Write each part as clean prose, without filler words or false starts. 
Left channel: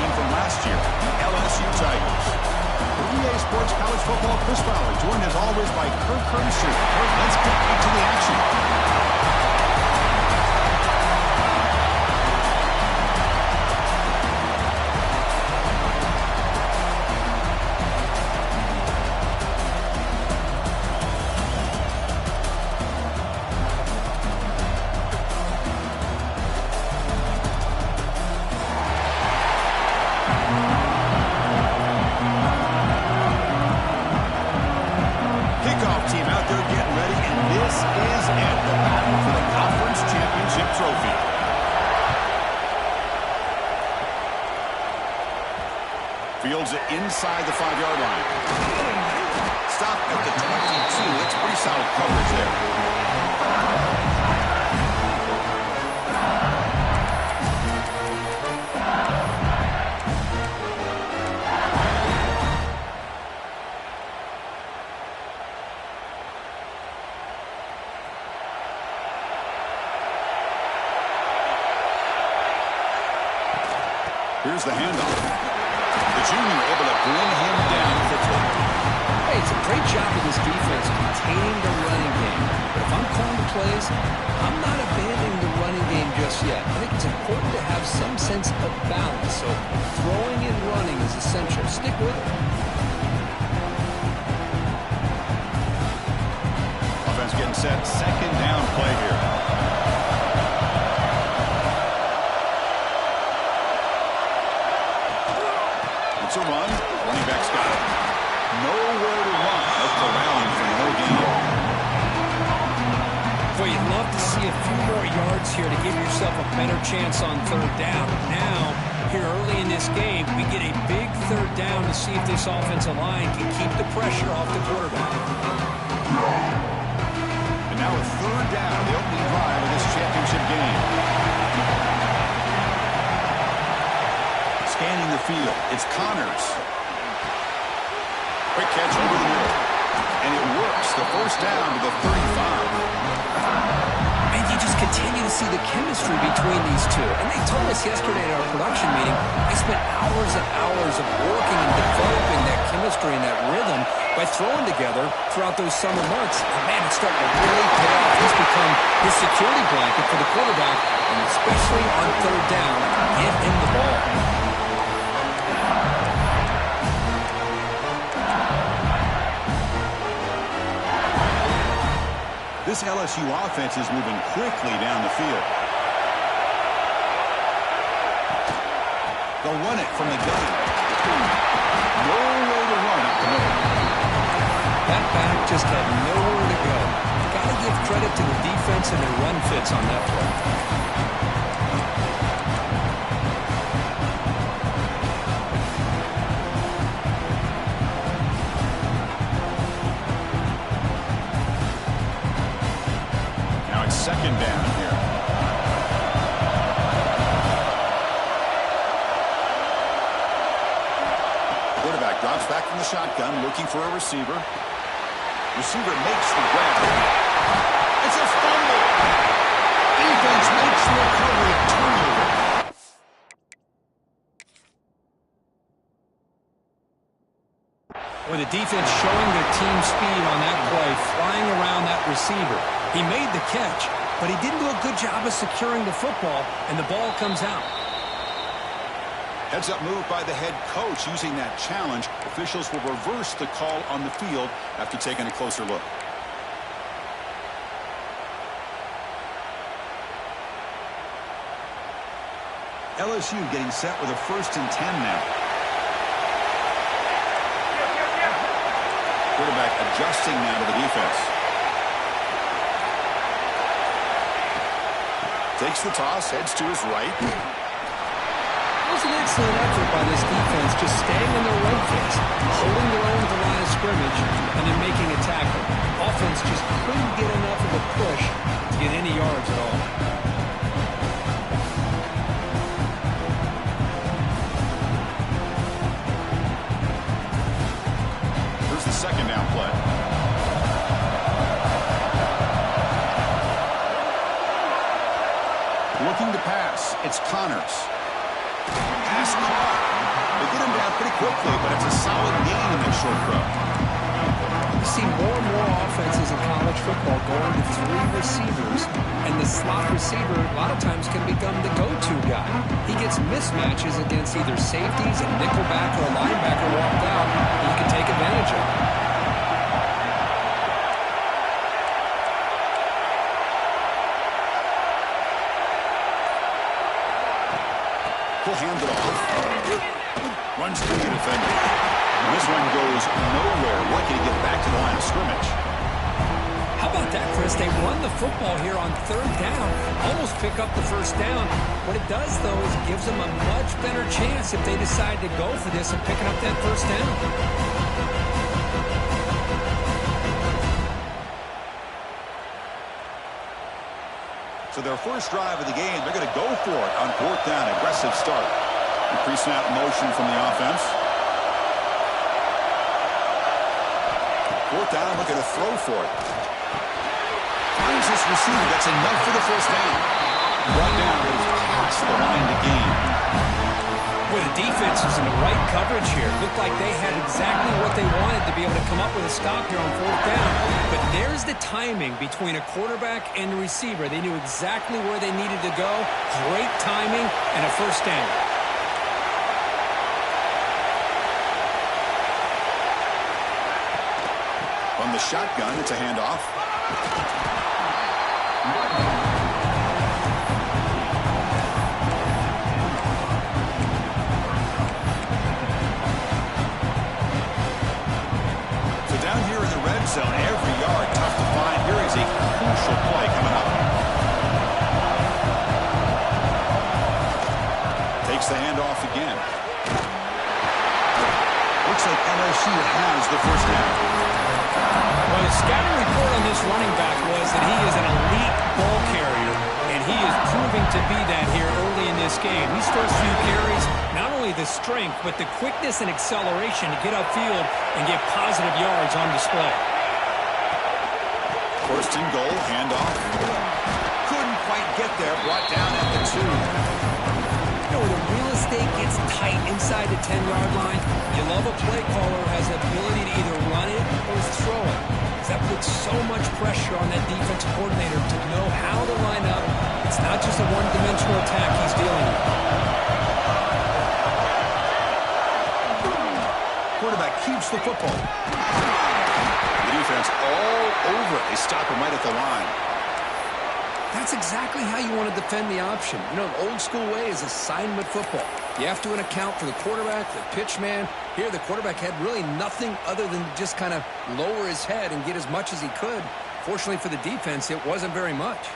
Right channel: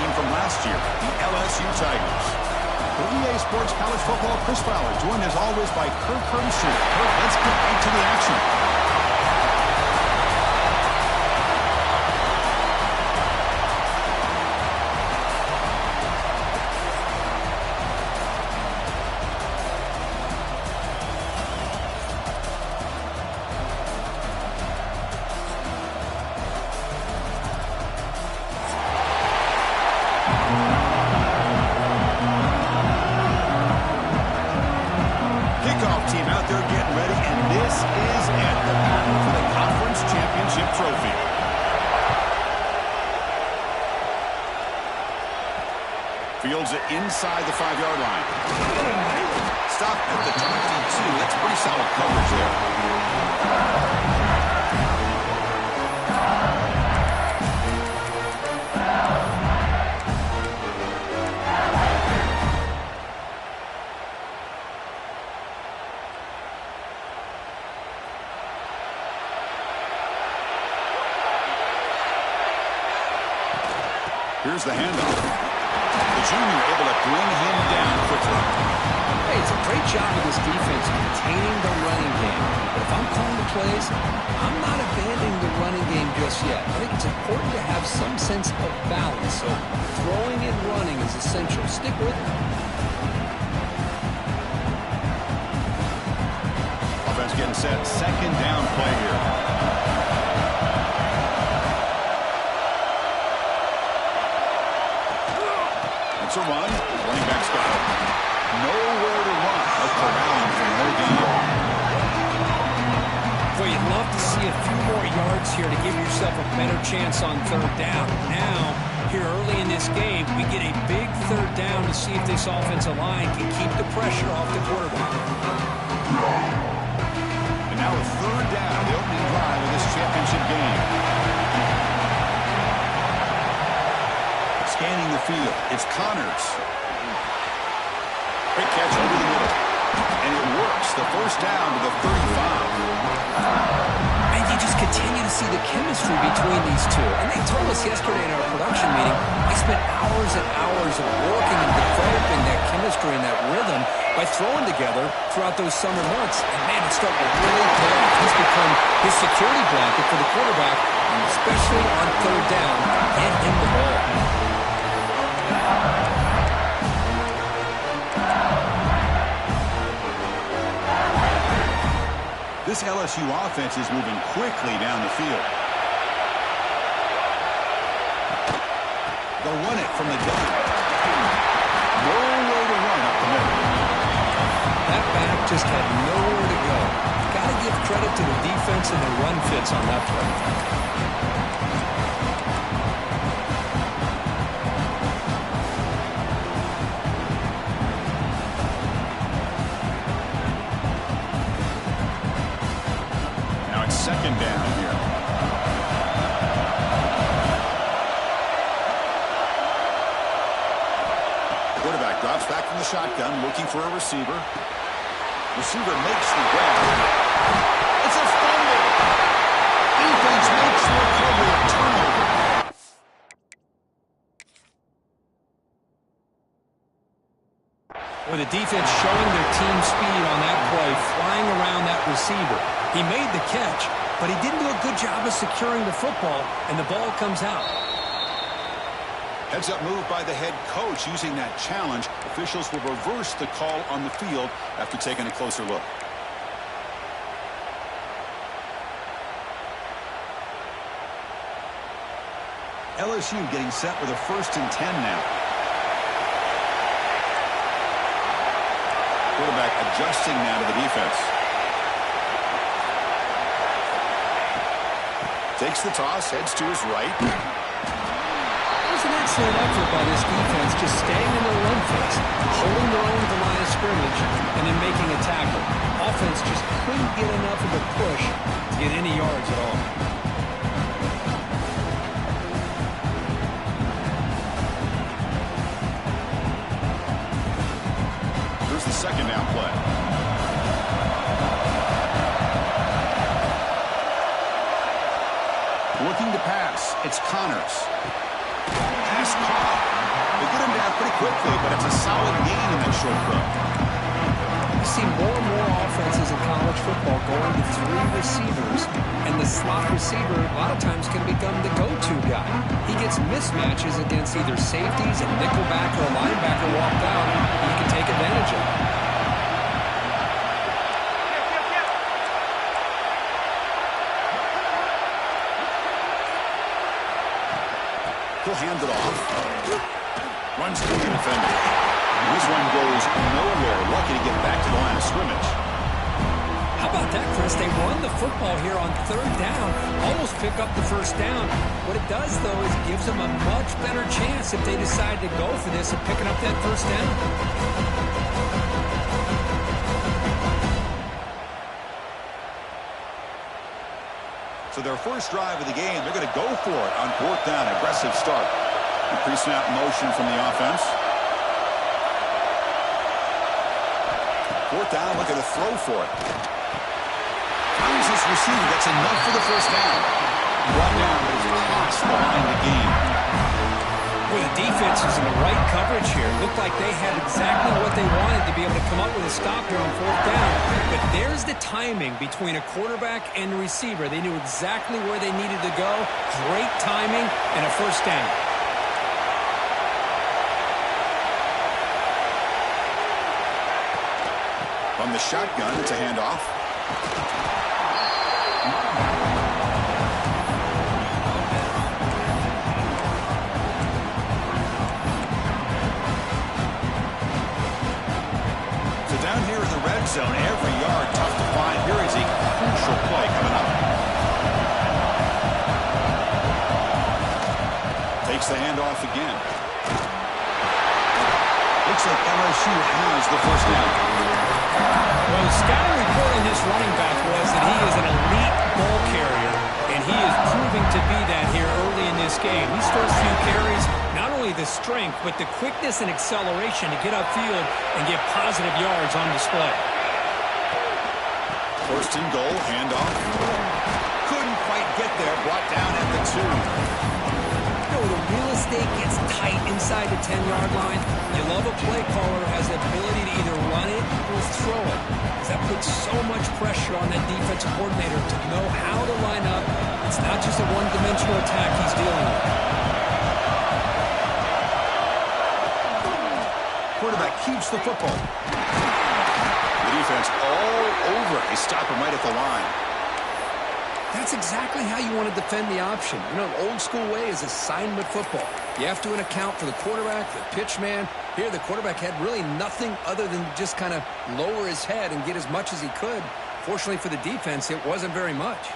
team from last year, the LSU Tigers. For EA Sports College Football, Chris Fowler, joined as always by Kirk Herbstreit. Kirk, let's get right to the action. Team out there getting ready, and this is it, the battle for the conference championship trophy. Fields it inside the 5-yard line. Stop at the 22. That's pretty solid coverage there. Here's the handoff. The junior able to bring him down quickly. Hey, it's a great job of this defense containing the running game. But if I'm calling the plays, I'm not abandoning the running game just yet. I think it's important to have some sense of balance. So throwing and running is essential. Stick with it. Offense getting set. Second down play here. It's a run. Running back's got it. Nowhere to run. Up around for no gain. Well, you'd love to see a few more yards here to give yourself a better chance on third down. Now, here early in this game, we get a big third down to see if this offensive line can keep the pressure off the quarterback. And now a third down, the opening drive of this championship game. Scanning the field, it's Connors. Quick catch over the middle. And it works. The first down to the 35. And you just continue to see the chemistry between these two. And they told us yesterday at our production meeting, they spent hours and hours of working and developing that chemistry and that rhythm by throwing together throughout those summer months. And man, it's starting to really pay off. He's become his security blanket for the quarterback, and especially on third down, get him the ball. This LSU offense is moving quickly down the field. They'll run it from the gun. Nowhere to run up the middle. That back just had nowhere to go. Got to give credit to the defense and their run fits on that play. Second down here. Quarterback drops back from the shotgun, looking for a receiver. Receiver makes the grab. It's a fumble. Defense makes the recovery, a turnover. With the defense showing their team speed on that play, flying around that receiver. He made the catch, but he didn't do a good job of securing the football, and the ball comes out. Heads-up move by the head coach using that challenge. Officials will reverse the call on the field after taking a closer look. LSU getting set with a 1st and 10 now. Quarterback adjusting now to the defense. Takes the toss, heads to his right. It was an excellent effort by this defense, just staying in their run phase, holding their own at the line of scrimmage, and then making a tackle. Offense just couldn't get enough of a push to get any yards at all. Here's the second down play. Looking to pass. It's Connors. Pass caught. get him down pretty quickly, but it's a solid gain in that short throw. You see more and more offenses in college football going to 3 receivers, and the slot receiver a lot of times can become the go-to guy. He gets mismatches against either safeties, a nickelback, or a linebacker walked out, and you can take advantage of it. He'll hand it off. Runs through the defender. This one goes nowhere. Lucky to get back to the line of scrimmage. How about that, Chris? They run the football here on 3rd down, almost pick up the 1st down. What it does, though, is it gives them a much better chance if they decide to go for this of picking up that 1st down. So their first drive of the game, they're going to go for it on 4th down. Aggressive start. The pre-snap motion from the offense. 4th down, looking to throw for it. Finds his receiver. That's enough for the 1st down. Brought down, but it's past the line to gain. Well, the defense is in the right coverage here. Looked like they had exactly what they wanted to be able to come up with a stop here on 4th down. But there's the timing between a quarterback and a receiver. They knew exactly where they needed to go. Great timing and a 1st down. From the shotgun, it's a handoff. So down here in the red zone, every yard tough to find. Here is a crucial play coming up. Takes the handoff again. Looks like LSU has the 1st down. Well, the scouting report on this running back was that he is an elite ball carrier, and he is proving to be that here early in this game. These first few carries, not only the strength, but the quickness and acceleration to get upfield and get positive yards on display. 1st and goal, handoff. Couldn't quite get there, brought down at the 2. You know, the real estate gets tight inside the 10-yard line. You love a play caller who has the ability to either run it or throw it. Because that puts so much pressure on that defensive coordinator to know how to line up. It's not just a one-dimensional attack he's dealing with. Quarterback keeps the football. The defense all over. They stop him right at the line. That's exactly how you want to defend the option. You know, the old school way is assignment football. You have to account for the quarterback, the pitch man. Here, the quarterback had really nothing other than just kind of lower his head and get as much as he could. Fortunately for the defense, it wasn't very much.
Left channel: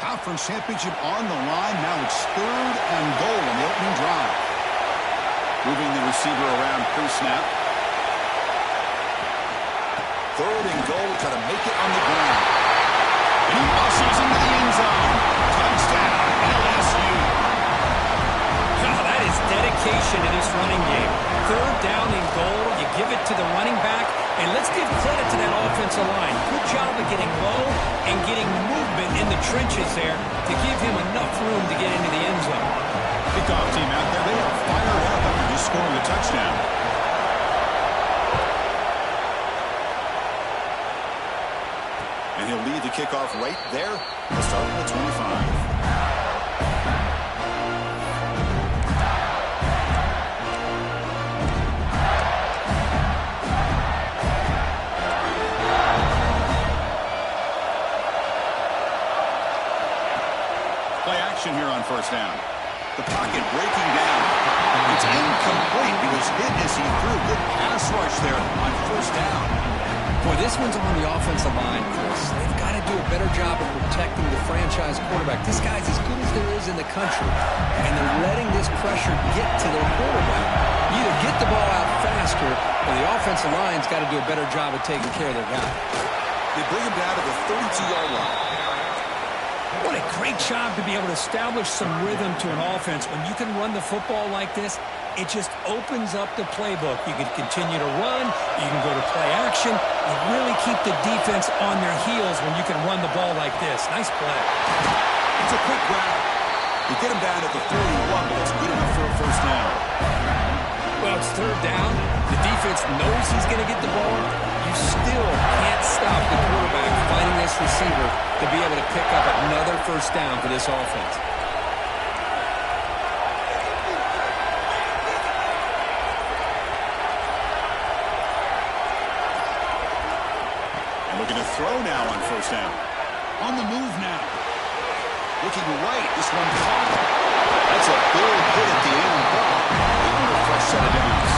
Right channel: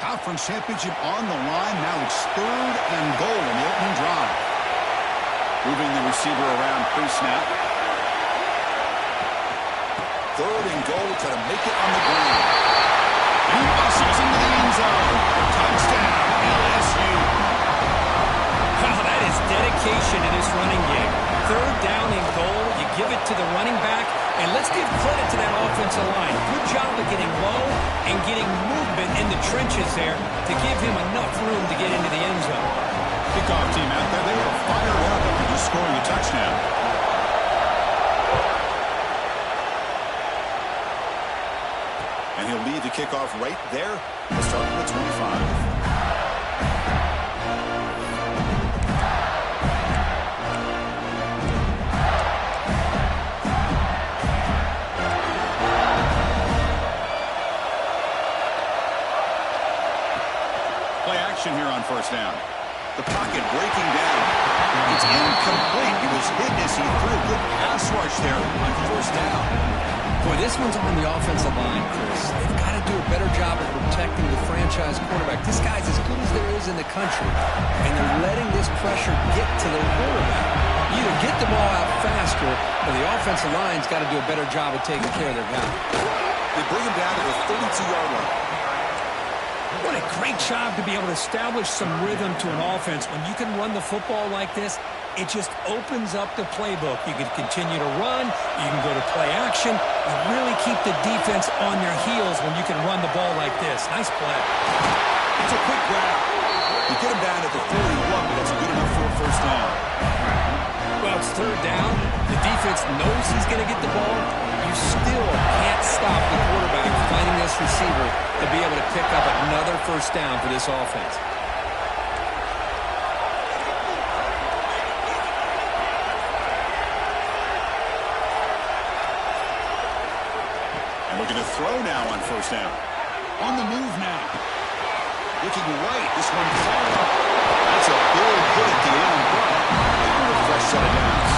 Conference championship on the line. Now it's 3rd and goal in the opening drive. Moving the receiver around pre-snap. 3rd and goal, try to make it on the ground. He muscles into the end zone. Touchdown, LSU. Wow, that is dedication to this running game. 3rd down and goal. You give it to the running back. And let's give credit to that offensive line. Good job of getting low and getting movement in the trenches there to give him enough room to get into the end zone. Kickoff team out there. They are fired up after just scoring a touchdown. And he'll lead the kickoff right there. He'll start from the 25. Play action here on 1st down. The pocket breaking down. It's incomplete. He was hit as he threw. Good pass rush there on 1st down. Boy, this one's on the offensive line, Chris. They've got to do a better job of protecting the franchise quarterback. This guy's as good as there is in the country, and they're letting this pressure get to their quarterback. You either get the ball out faster, or the offensive line's got to do a better job of taking care of their guy. They bring him down to the 32-yard line. What a great job to be able to establish some rhythm to an offense. When you can run the football like this, it just opens up the playbook. You can continue to run. You can go to play action. You really keep the defense on their heels when you can run the ball like this. Nice play. It's a quick grab. You get him down at the 41, but it's good enough for a 1st down. Well, it's third down. The defense knows he's going to get the ball. You still can't stop the quarterback finding this receiver to be able to pick up another first down for this offense. And looking to throw now on first down. On the move now. Looking right. This one caught up. That's a big hit at the end, but able to a fresh set of downs.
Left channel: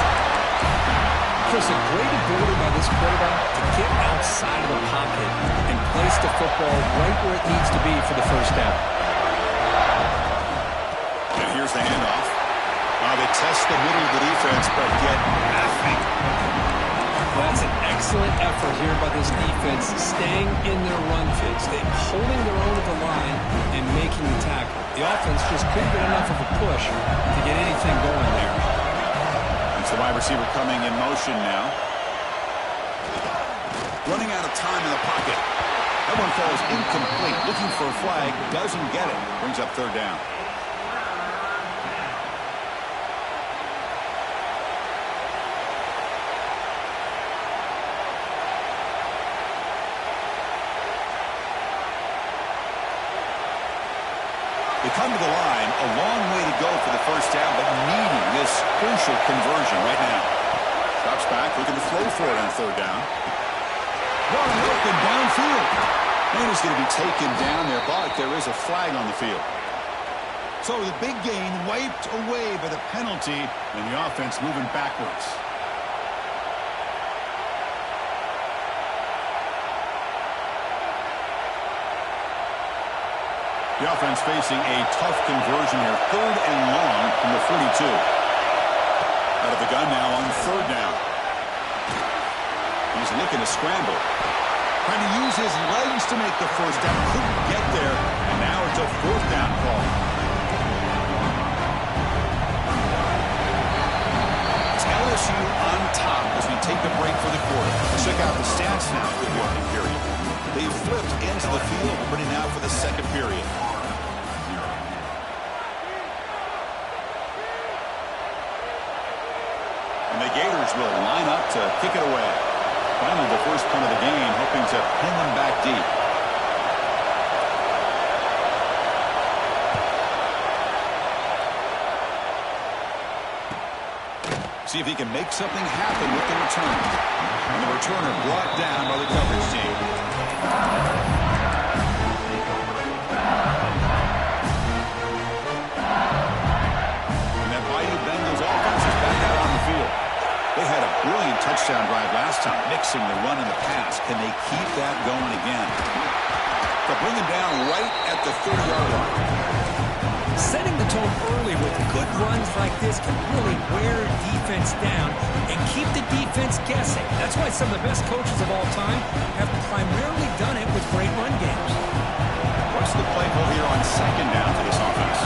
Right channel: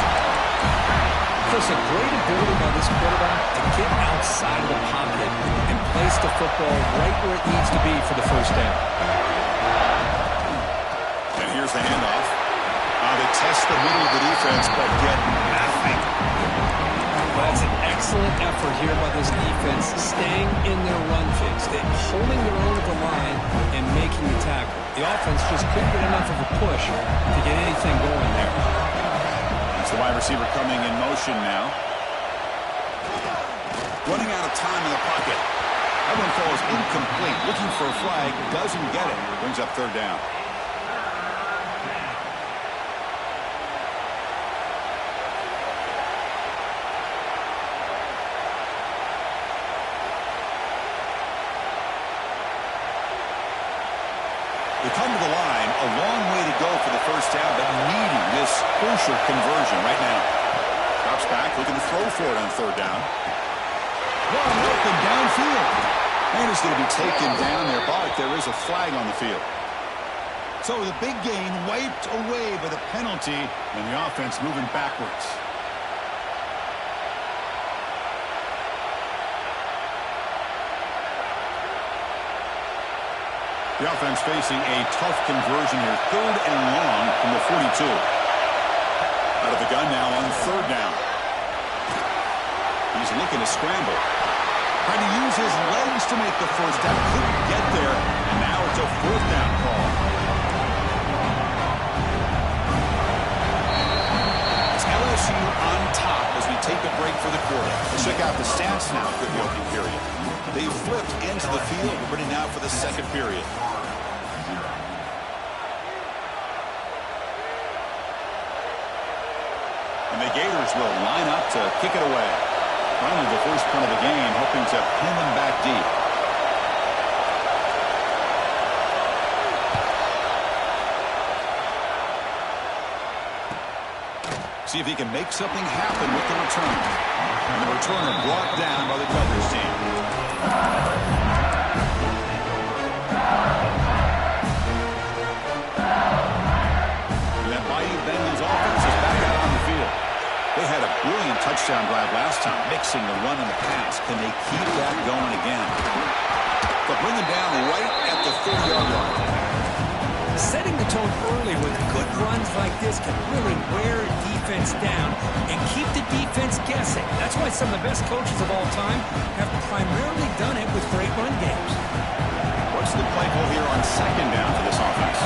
Chris, a great ability by this quarterback to get outside of the pocket and place the football right where it needs to be for the first down. And here's the handoff. They test the middle of the defense, but get nothing. Well, that's an excellent effort here by this defense, staying in their run fits. They're holding their own at the line and making the tackle. The offense just couldn't get enough of a push to get anything going there. It's the wide receiver coming in motion now. Running out of time in the pocket. That one falls incomplete. Looking for a flag. Doesn't get it. Brings up third down. They come to the line, a long way to go for the first down, but needing this crucial conversion right now. Drops back, looking to throw for it on third down. Wide open downfield. And he's going to be taken down there, but there is a flag on the field. So the big gain wiped away by the penalty, and the offense moving backwards. The offense facing a tough conversion here. Third and long from the 42. Out of the gun now on third down. He's looking to scramble. Trying to use his legs to make the first down. Couldn't get there. And now it's a fourth down call. It's LSU on top as we take a break for the quarter. Let's check out the stats now for the opening period. They flipped into the field. We're ready now for the second period. And the Gators will line up to kick it away. Finally, the first punt of the game, hoping to pin them back deep. See if he can make something happen with the return. And the returner brought down by the coverage team. And that Bayou Bengals offense is back out on the field. They had a brilliant touchdown drive last time, mixing the run and the pass. Can they keep that going again? They'll bring them down right at the 30-yard line. Setting the tone early with good runs like this can really wear defense down and keep the defense guessing. That's why some of the best coaches of all time have primarily done it with great run games. What's the play call here on second down for this offense?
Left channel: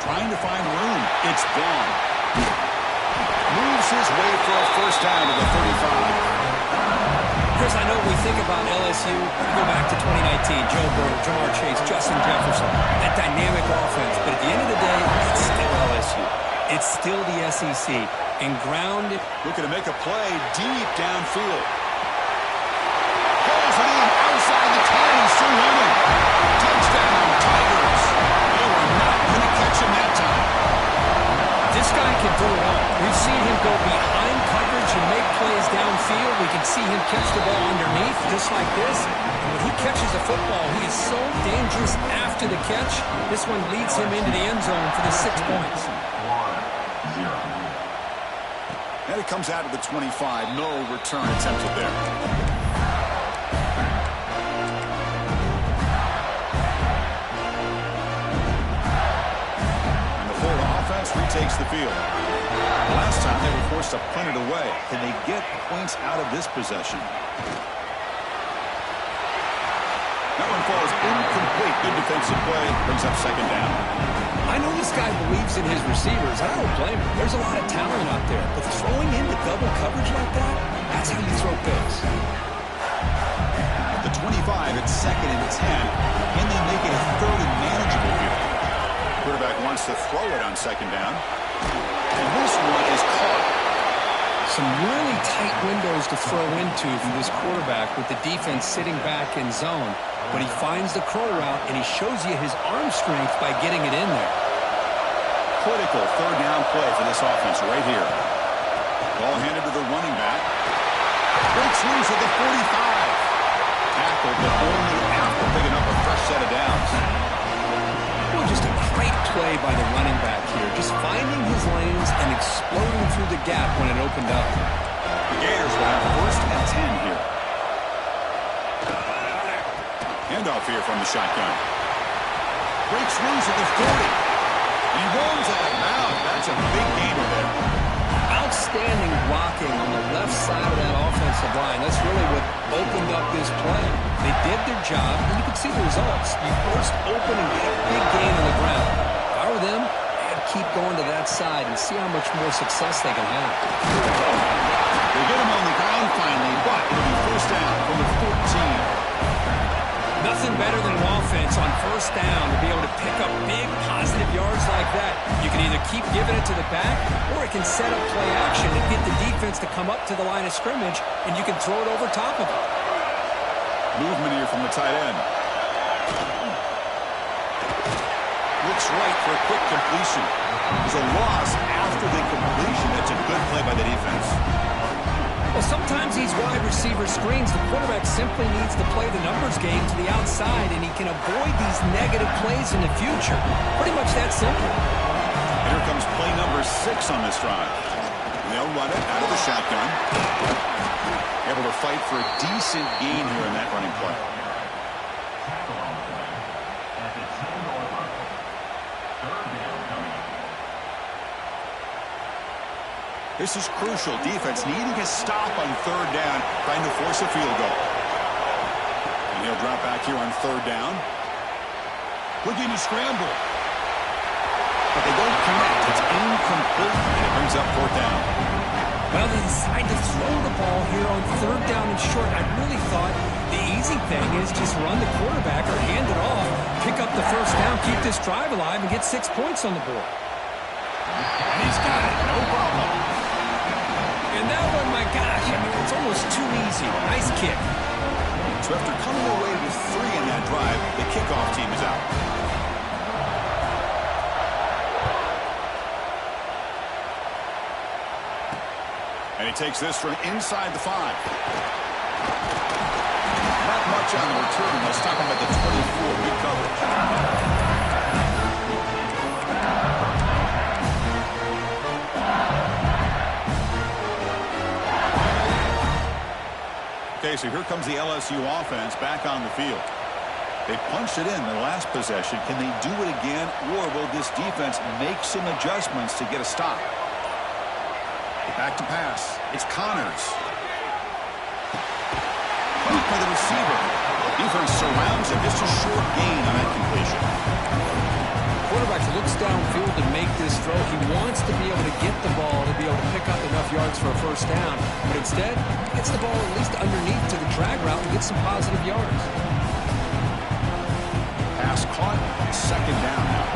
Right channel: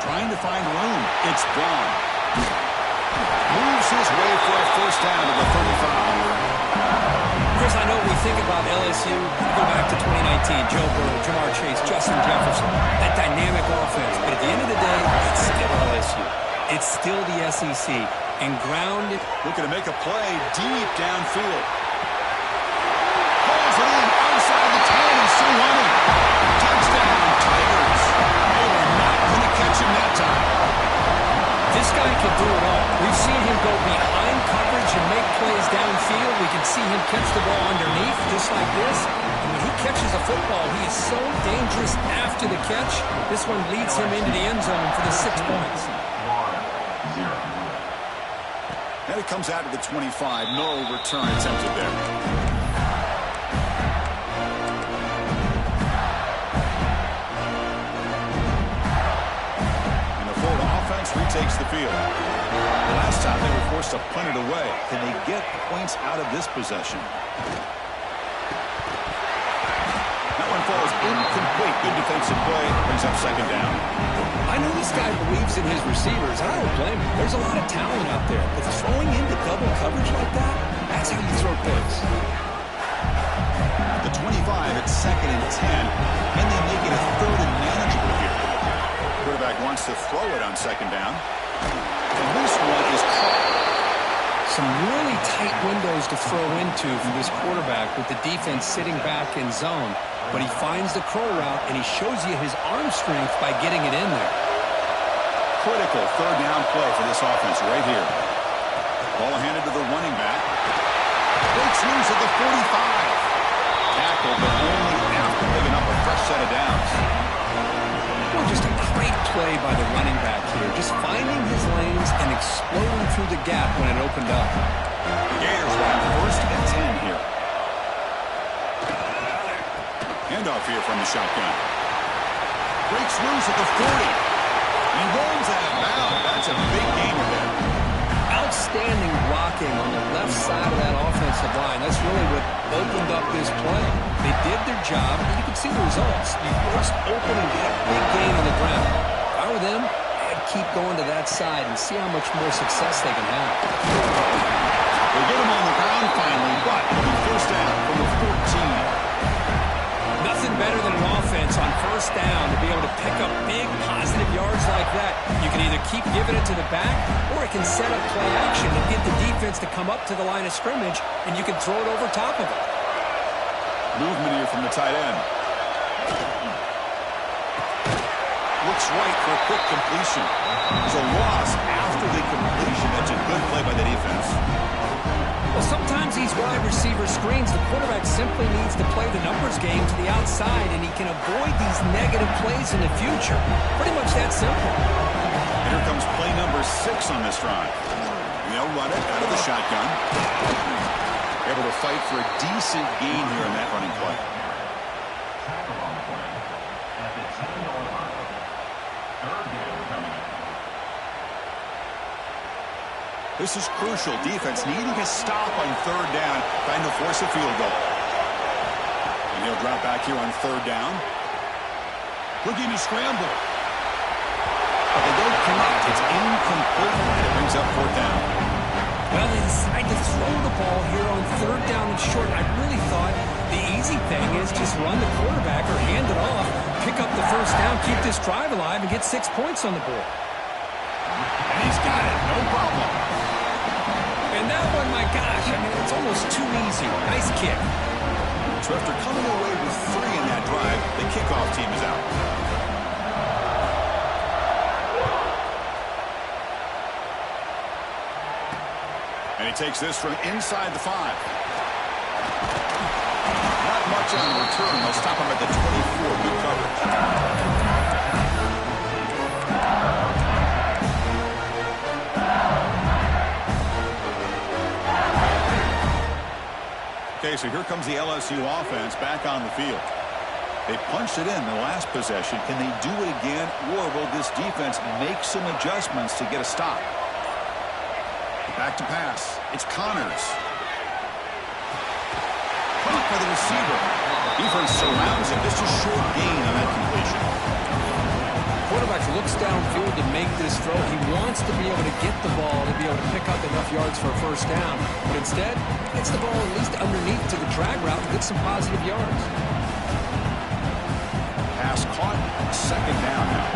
Trying to find room. It's Vaughn. Moves his way for a first down to the 35. Chris, I know we think about LSU, go back to 2019, Joe Burrow, Jamar Chase, Justin Jefferson, that dynamic offense. But at the end of the day, it's still LSU. It's still the SEC. And grounded. Looking to make a play deep downfield. Pulls it in outside the 10 and still running. Touchdown, Tigers. They were not going to catch him that time. This guy can do it all. We've seen him go behind coverage and make plays downfield. We can see him catch the ball underneath, just like this. And when he catches a football, he is so dangerous after the catch. This one leads him into the end zone for the 6 points. And it comes out of the 25. No return attempted there. Retakes the field. Last time they were forced to punt it away. Can they get points out of this possession? That one falls incomplete. Good defensive play. Brings up second down. I know this guy believes in his receivers. I don't blame him. There's a lot of talent out there. But throwing into double coverage like that, that's how you throw picks. At the 25, it's second and 10. Can they make it a third and manageable here? Quarterback wants to throw it on second down. and this one is caught. Some really tight windows to throw into for this quarterback with the defense sitting back in zone. But he finds the crow route, and he shows you his arm strength by getting it in there. Critical third down play for this offense right here. Ball handed to the running back. Breaks loose at the 45. Tackled, but only after picking up a fresh set of downs. Well, just a great play by the running back here. Just finding his lanes and exploding through the gap when it opened up. The Gators will have first and 10 here. Handoff here from the shotgun. Breaks loose at the 40. He runs out of bounds. That's a big gainer there. Outstanding blocking on the left side of that offensive line. That's really what opened up this play. They did their job, and you can see the results. You burst open and get a big gain on the ground. If I were them, I'd keep going to that side and see how much more success they can have. They get him on the ground finally, but it'll be first down from the 14. Nothing better than an offense on first down to be able to pick up big positive yards like that. You can either keep giving it to the back, or it can set up play action and get the defense to come up to the line of scrimmage, and you can throw it over top of it. Movement here from the tight end. Looks right for a quick completion. There's a loss after the completion. That's a good play by the defense. Well, sometimes these wide receiver screens, the quarterback simply needs to play the numbers game to the outside, and he can avoid these negative plays in the future. Pretty much that simple. And here comes play number 6 on this drive. And they'll run it out of the shotgun. Able to fight for a decent gain here in that running play. This is crucial. Defense needing a stop on third down, trying to force a field goal. And he'll drop back here on third down. Looking to scramble. But they don't connect. It's incomplete, and it brings up fourth down. Well, they decide to throw the ball here on third down and short. I really thought the easy thing is just run the quarterback or hand it off, pick up the first down, keep this drive alive, and get 6 points on the board. And he's got it. No problem. And that one, my gosh, I mean, it's almost too easy. Nice kick. So after coming away with 3 in that drive, the kickoff team is out. And he takes this from inside the 5. Not much on the return. They'll stop him at the 24. Good coverage. Okay, so here comes the LSU offense back on the field. They punched it in the last possession. Can they do it again, or will this defense make some adjustments to get a stop? Back to pass. It's Connors. Caught by the receiver. Defense surrounds him. Just a short gain on that completion. Quarterback looks downfield to make this throw. He wants to be able to get the ball to be able to pick up enough yards for a first down. But instead, he gets the ball at least underneath to the drag route and gets some positive yards. Pass caught. Second down now.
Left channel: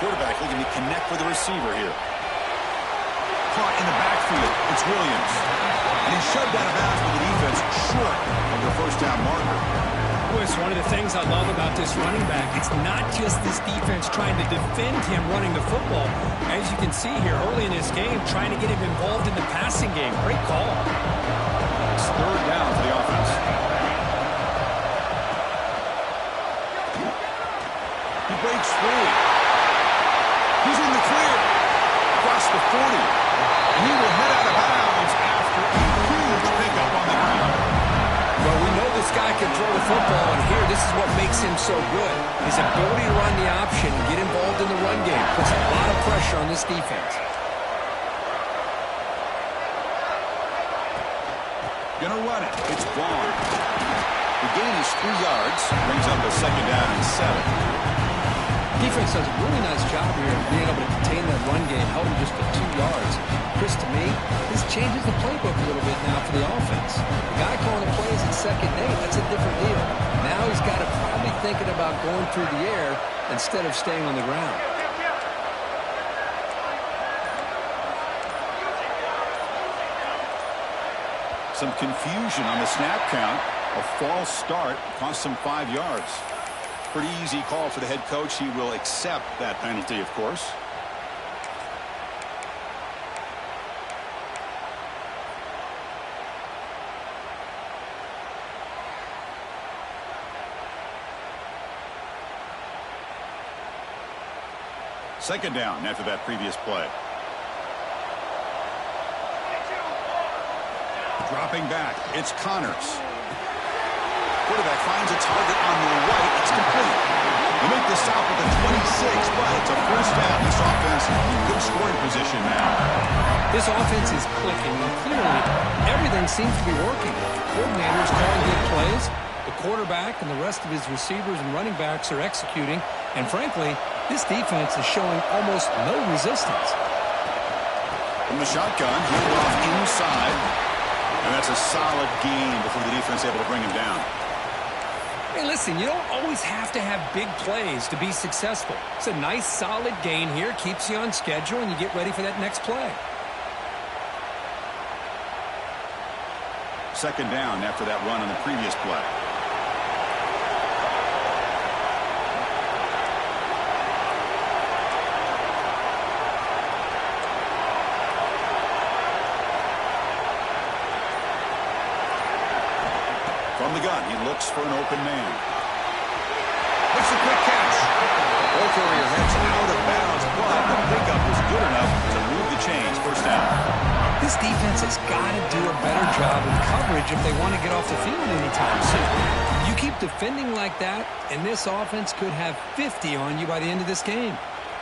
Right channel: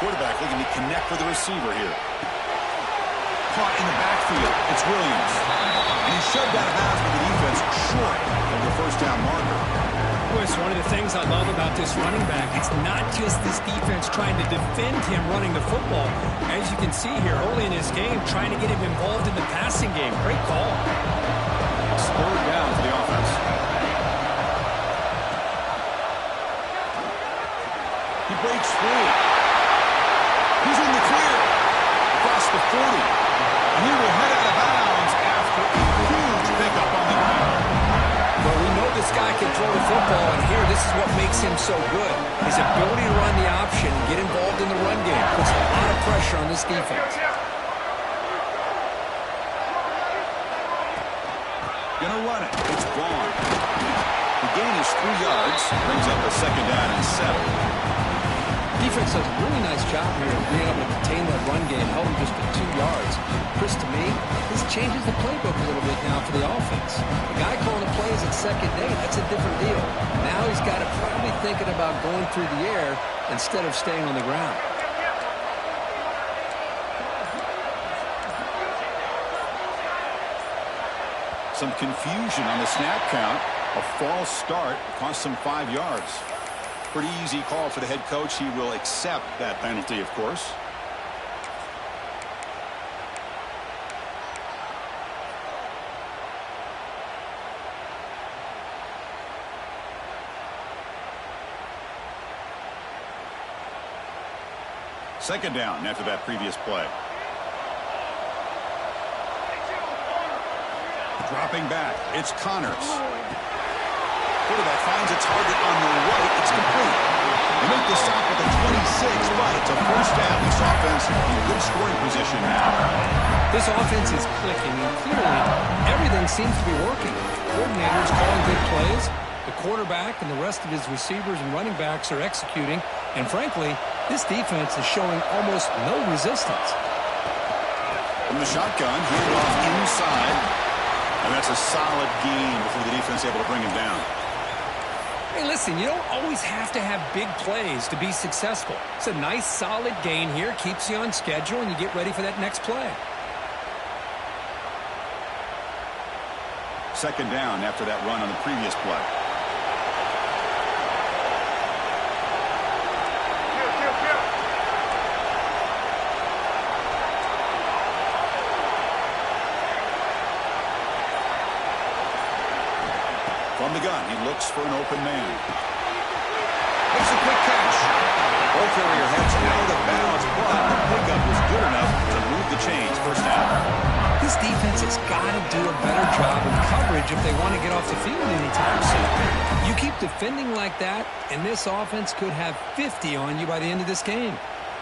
Quarterback looking to connect with the receiver here. Caught in the backfield. It's Williams. And he's shoved out of bounds with the defense short of the first down marker. Boy, it's one of the things I love about this running back. It's not just this defense trying to defend him running the football. As you can see here early in this game, trying to get him involved in the passing game. Great call. It's third down for the offense. He breaks free. He's in the clear. Across the 40. And he will head out of bounds after a huge pickup on the ground. Well, we know this guy can throw the football, and here, this is what makes him so good. His ability to run the option and get involved in the run game puts a lot of pressure on this defense. Gonna run it. It's Vaughn. The gain is 3 yards. Brings up a second down and 7. Defense does a really nice job here of being able to contain that run game, held him just to 2 yards. Chris, to me, this changes the playbook a little bit now for the offense. The guy calling the plays at 2nd and 8, that's a different deal. Now he's got to probably thinking about going through the air instead of staying on the ground. Some confusion on the snap count. A false start cost him 5 yards. Pretty easy call for the head coach. He will accept that penalty, of course. Second down after that previous play. Dropping back, it's Connors. Quarterback finds a target on the right. It's complete. They make the stop at the 26, but it's a first down. This offense in good scoring position now. This offense is clicking, and clearly everything seems to be working. Coordinators calling good plays. The quarterback and the rest of his receivers and running backs are executing. And frankly, this defense is showing almost no resistance. From the shotgun, handed off inside. And that's a solid gain before the defense able to bring him down. Hey, listen, you don't always have to have big plays to be successful. It's a nice, solid gain here. Keeps you on schedule, and you get ready for that next play. Second down after that run on the previous play. From the gun, he looks for an open man. Makes a quick catch. Ball carrier heads out of bounds, but the pickup was good enough to move the chains. First down. This defense has got to do a better job of coverage if they want to get off the field anytime soon. You keep defending like that, and this offense could have 50 on you by the end of this game.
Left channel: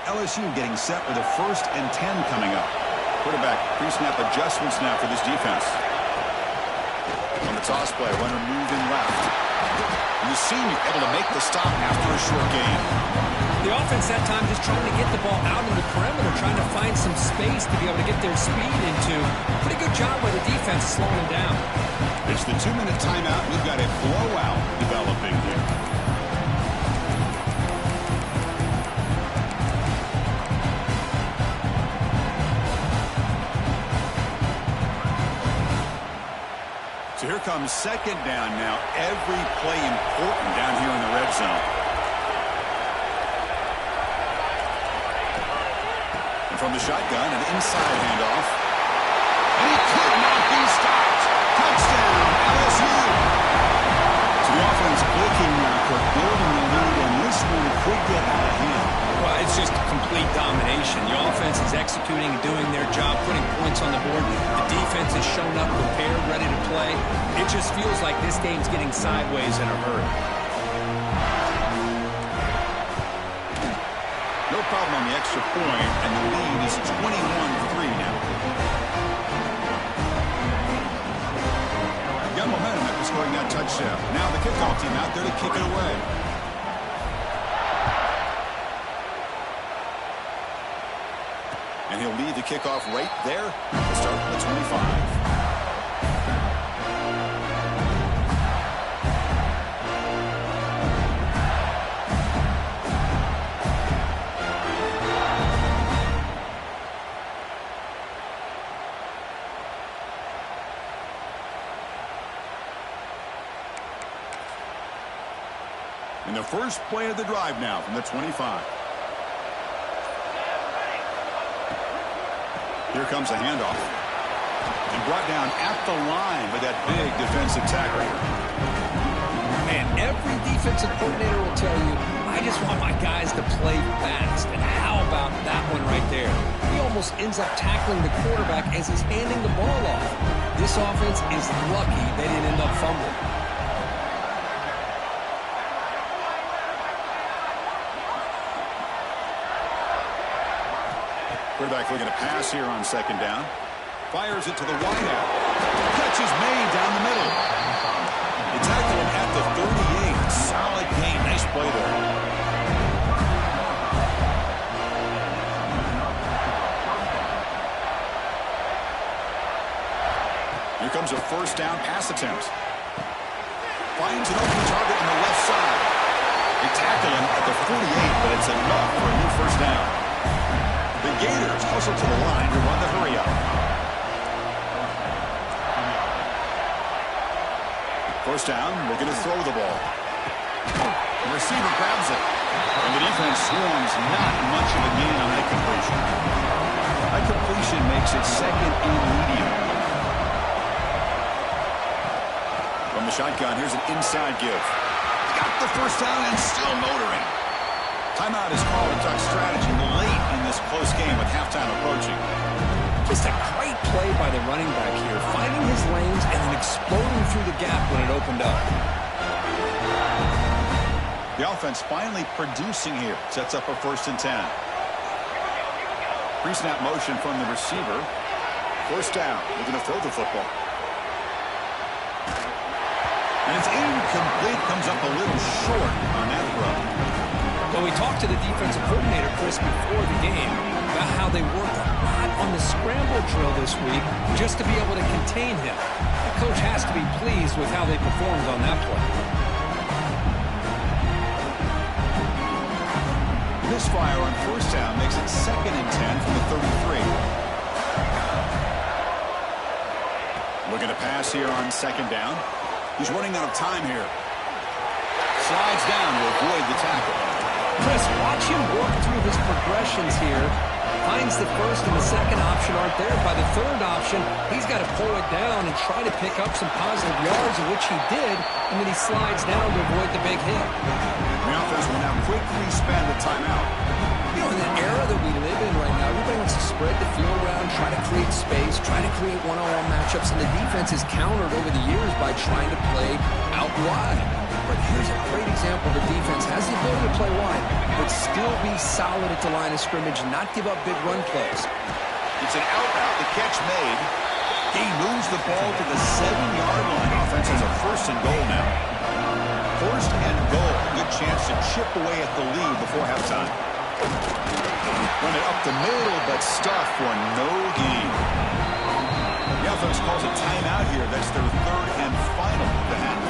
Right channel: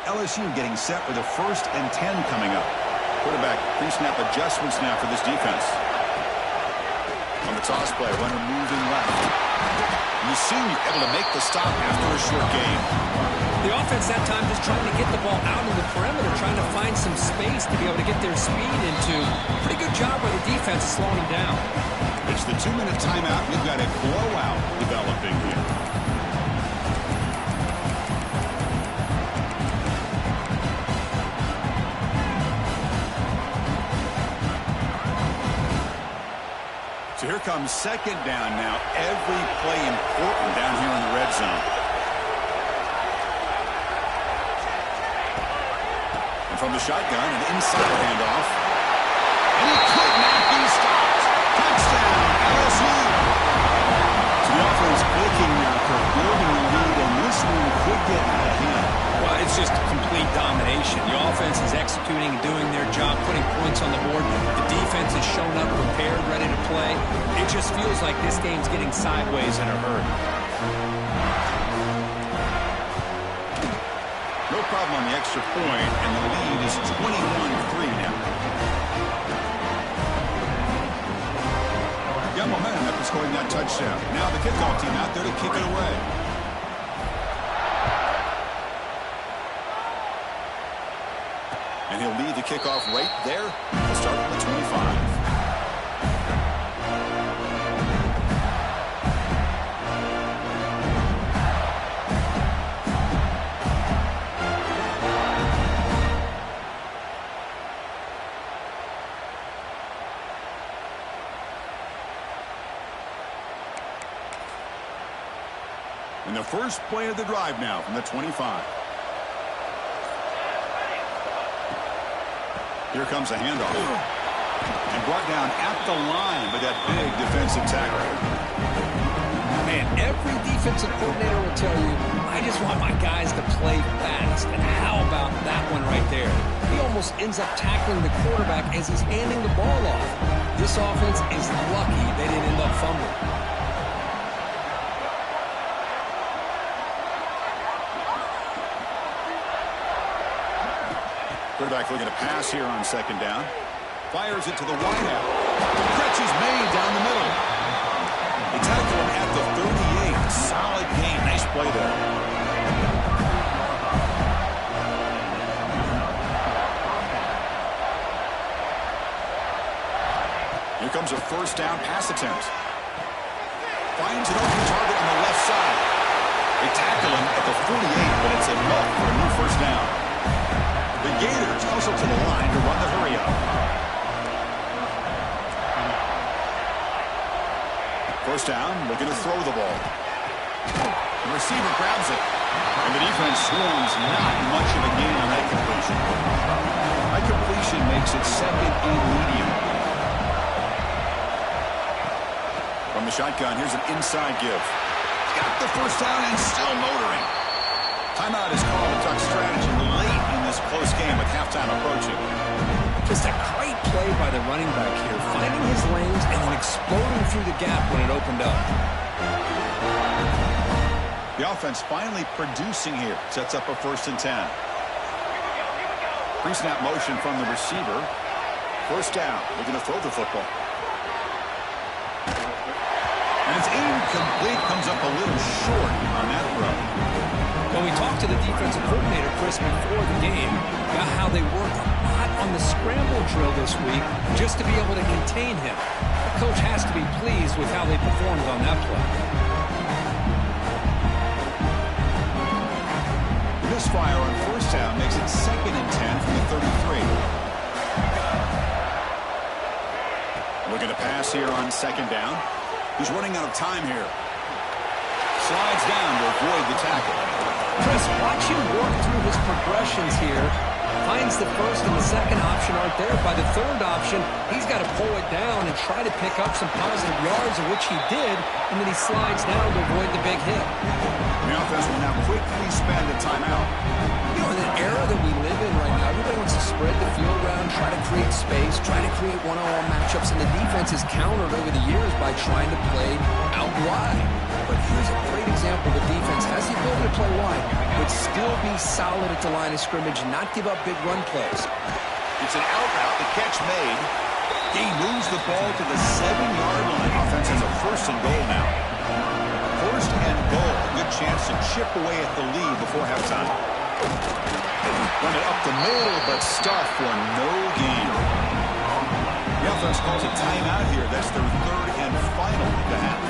LSU getting set with a 1st and 10 coming up. Quarterback pre-snap adjustments now for this defense. On the toss play, runner moving left. And the senior able to make the stop after a short gain. The offense that time just trying to get the ball out in the perimeter, trying to find some space to be able to get their speed into. Pretty good job by the defense slowing them down. It's the 2-minute timeout. We've got a blowout developing here. So here comes second down now. Every play important down here in the red zone. And from the shotgun, an inside handoff. And he could not be stopped. Touchdown, LSU. So the offense clicking now, Kirk, building the lead, and this one could get out of hand. Well, it's just complete domination. The offense is executing and doing their job, putting points on the board. The defense is shown up, prepared, ready to play. It just feels like this game's getting sideways in a hurry. No problem on the extra point, and the lead is 21-3 now. Got momentum after scoring that touchdown. Now the kickoff team out there to kick it away. And he'll lead the kickoff right there. We'll start from the 25. And the first play of the drive now from the 25. Here comes a handoff. And brought down at the line by that big defensive tackle. Man, every defensive coordinator will tell you, I just want my guys to play fast. And how about that one right there? He almost ends up tackling the quarterback as he's handing the ball off. This offense is lucky they didn't end up fumbling. Quarterback looking to pass here on second down. Fires it to the wideout. Catch is made down the middle. They tackle him at the 38. Solid game. Nice play there. Here comes a first down pass attempt. Finds an open target on the left side. They tackle him at the 48, but it's enough for a new first down. The Gators hustle to the line to run the hurry up. First down, looking to throw the ball. The receiver grabs it. And the defense swarms, not much of a gain on that completion. That completion makes it second and medium. From the shotgun, here's an inside give. Got the first down and still motoring. Timeout is called to talk strategy late in this close game with halftime approaching. Just a great play by the running back here, finding his lanes and then exploding through the gap when it opened up. The offense finally producing here. Sets up a 1st and 10. Pre-snap motion from the receiver. First down. Looking to throw the football. And it's incomplete. Comes up a little short on that throw. When we talked to the defensive coordinator, Chris, before the game about how they worked a lot on the scramble drill this week just to be able to contain him. The coach has to be pleased with how they performed on that play. Misfire on first down makes it 2nd and 10 from the 33. Looking to pass here on 2nd down. He's running out of time here. Slides down to avoid the tackle. Chris, watch him work through his progressions here. Finds the first and the second option aren't there. By the third option, he's got to pull it down and try to pick up some positive yards, of which he did, and then he slides down to avoid the big hit. The offense will now quickly spend a timeout. You know, in the era that we live in right now, everybody wants to spread the field around, try to create space, try to create one-on-one matchups, and the defense is countered over the years by trying to play out wide. But here's a great example. The defense has the ability to play wide, but still be solid at the line of scrimmage, not give up big run plays. It's an out route. The catch made. He moves the ball to the 7-yard line. Offense has a 1st and goal now. 1st and goal. A good chance to chip away at the lead before halftime. Run it up the middle, but stuffed for no gain. The offense calls a timeout here. That's their 3rd and final of the half.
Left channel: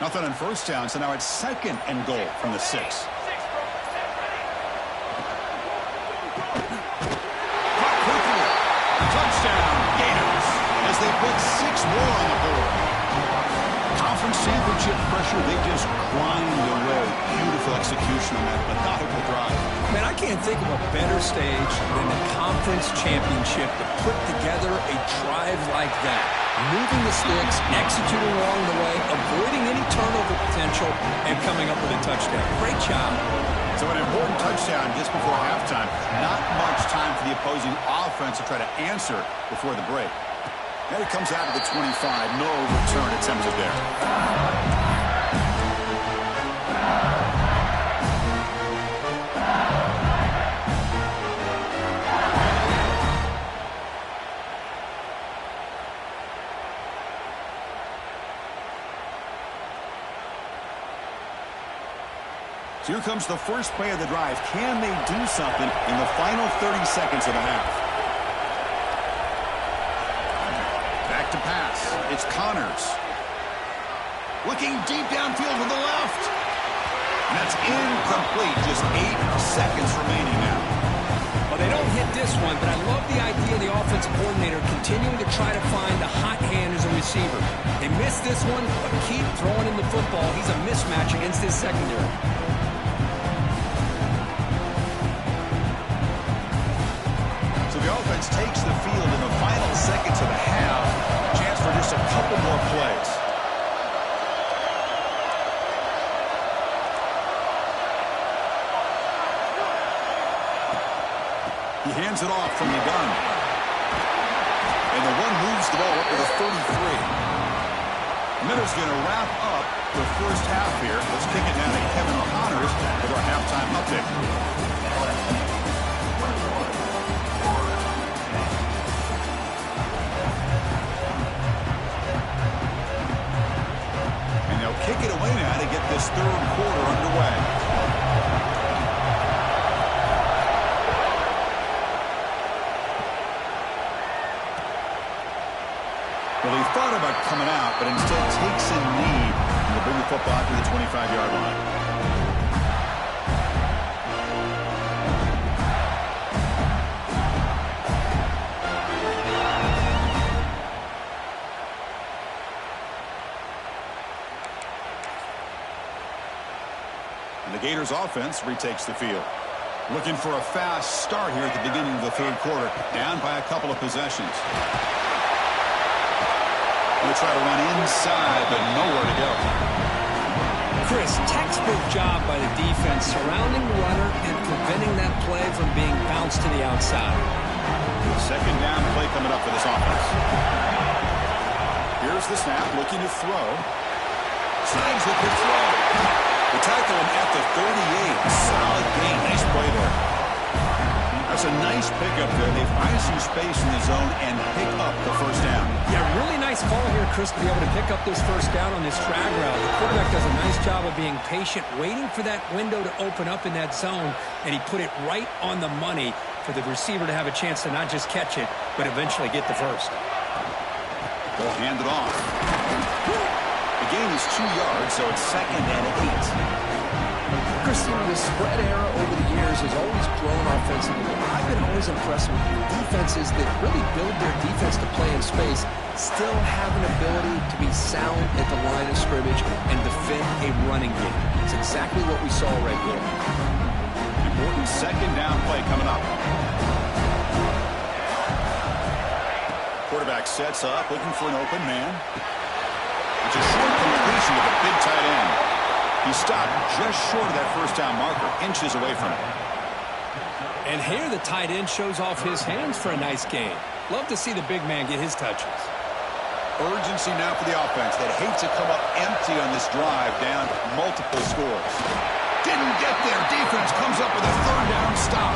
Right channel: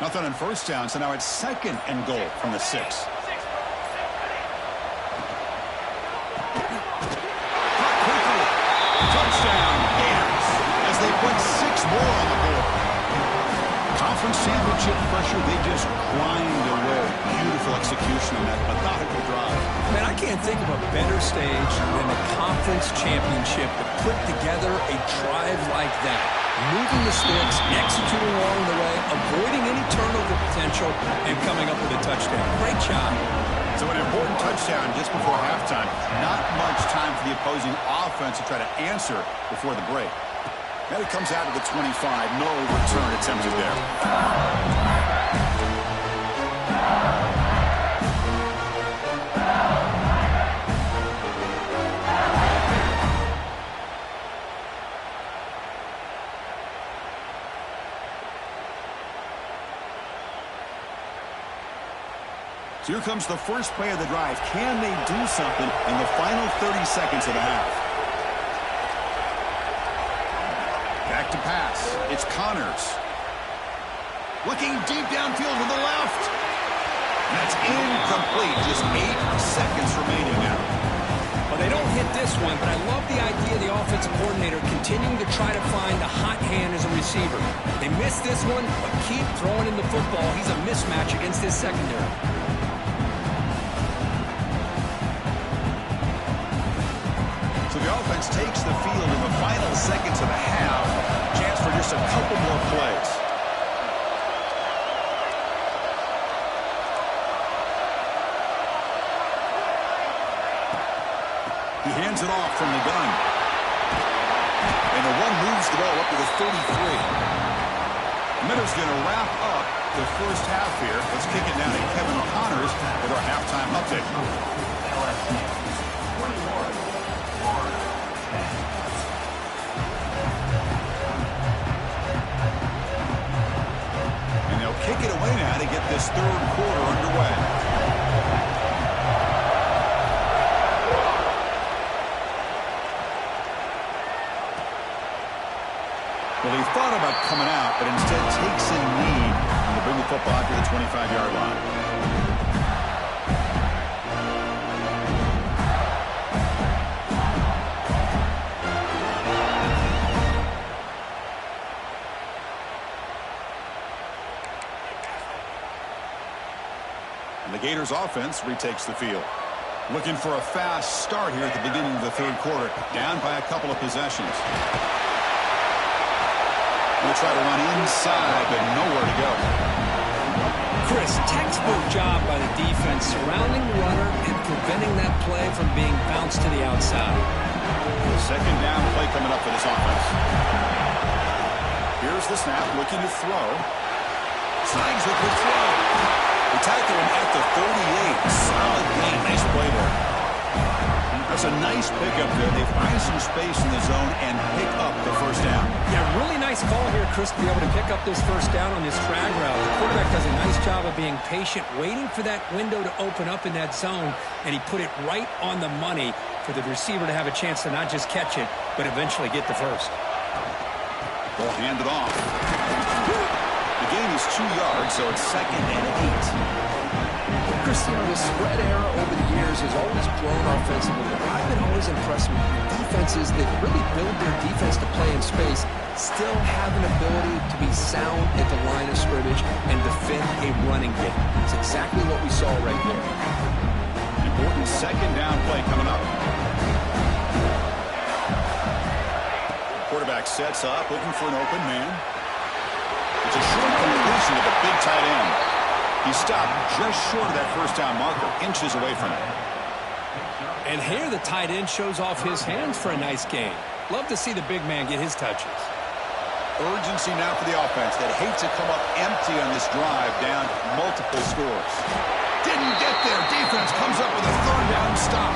Nothing on first down, so now it's 2nd and goal from the 6. Caught quickly. Touchdown, Gators, as they put 6 more on the board. Conference championship pressure, they just grind away. Beautiful execution on that methodical drive. Man, I can't think of a better stage than the conference championship to put together a drive like that. Moving the sticks, executing along the way, avoiding any turnover potential, and coming up with a touchdown. Great job. So an important touchdown just before halftime. Not much time for the opposing offense to try to answer before the break. And it comes out to the 25. No return attempted there. So here comes the first play of the drive. Can they do something in the final 30 seconds of the half? Back to pass. It's Connors. Looking deep downfield to the left. And that's incomplete. Just 8 seconds remaining now. Well, they don't hit this one, but I love the idea of the offensive coordinator continuing to try to find the hot hand as a receiver. They missed this one, but keep throwing him the football. He's a mismatch against his secondary. So the offense takes the field in the final seconds of the half. Chance for just a couple more plays. He hands it off from the gun. And the one moves the ball up to the 33. Miller's going to wrap up the first half here. Let's kick it now to Kevin Connors with our halftime update. And they'll kick it away now to get this third quarter underway. Well, he thought about coming out, but instead takes a knee and will bring the football to the 25-yard line. And the Gators offense retakes the field. Looking for a fast start here at the beginning of the third quarter, down by a couple of possessions. Going to try to run inside, but nowhere to go. Chris, textbook job by the defense surrounding the runner and preventing that play from being bounced to the outside. Second down play coming up for this offense. Here's the snap, looking to throw. Signs with the throw. We tackle him at the 38. Solid gain. Nice play there. That's a nice pickup there. They find some space in the zone and pick up the first down. Yeah, really nice call here, Chris, to be able to pick up this first down on this drag route. The quarterback does a nice job of being patient, waiting for that window to open up in that zone, and he put it right on the money for the receiver to have a chance to not just catch it, but eventually get the first. Ball handed off. The gain is 2 yards, so it's 2nd and 8. Christian, the spread era over the years has always grown offensively. I've been always impressed with defenses that really build their defense to play in space, still have an ability to be sound at the line of scrimmage and defend a running game. It's exactly what we saw right here. Important second down play coming up. Quarterback sets up, looking for an open man. It's a short completion to the big tight end. He stopped just short of that first down marker, inches away from it. And here the tight end shows off his hands for a nice gain. Love to see the big man get his touches. Urgency now for the offense that hate to come up empty on this drive, down multiple scores. Didn't get there. Defense comes up with a third down stop.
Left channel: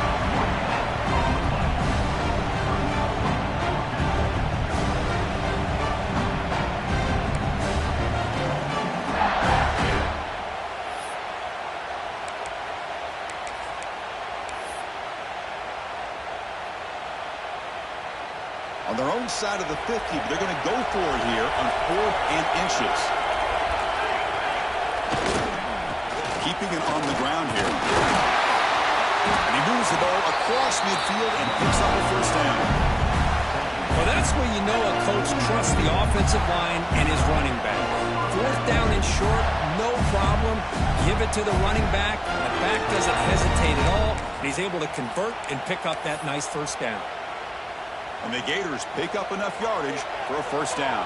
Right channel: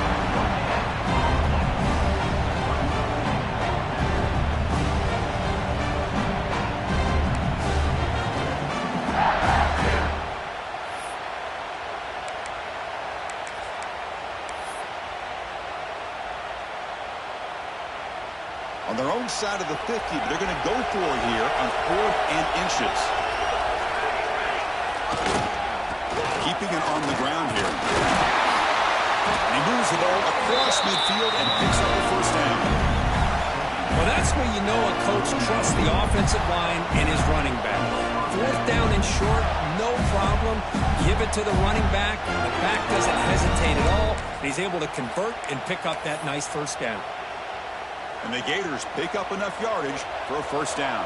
On their own side of the 50, but they're going to go for it here on 4th and inches. Keeping it on the ground here. And he moves the ball across midfield and picks up a first down. Well, that's where you know a coach trusts the offensive line and his running back. 4th down and short, no problem. Give it to the running back. The back doesn't hesitate at all. And he's able to convert and pick up that nice first down. And the Gators pick up enough yardage for a first down.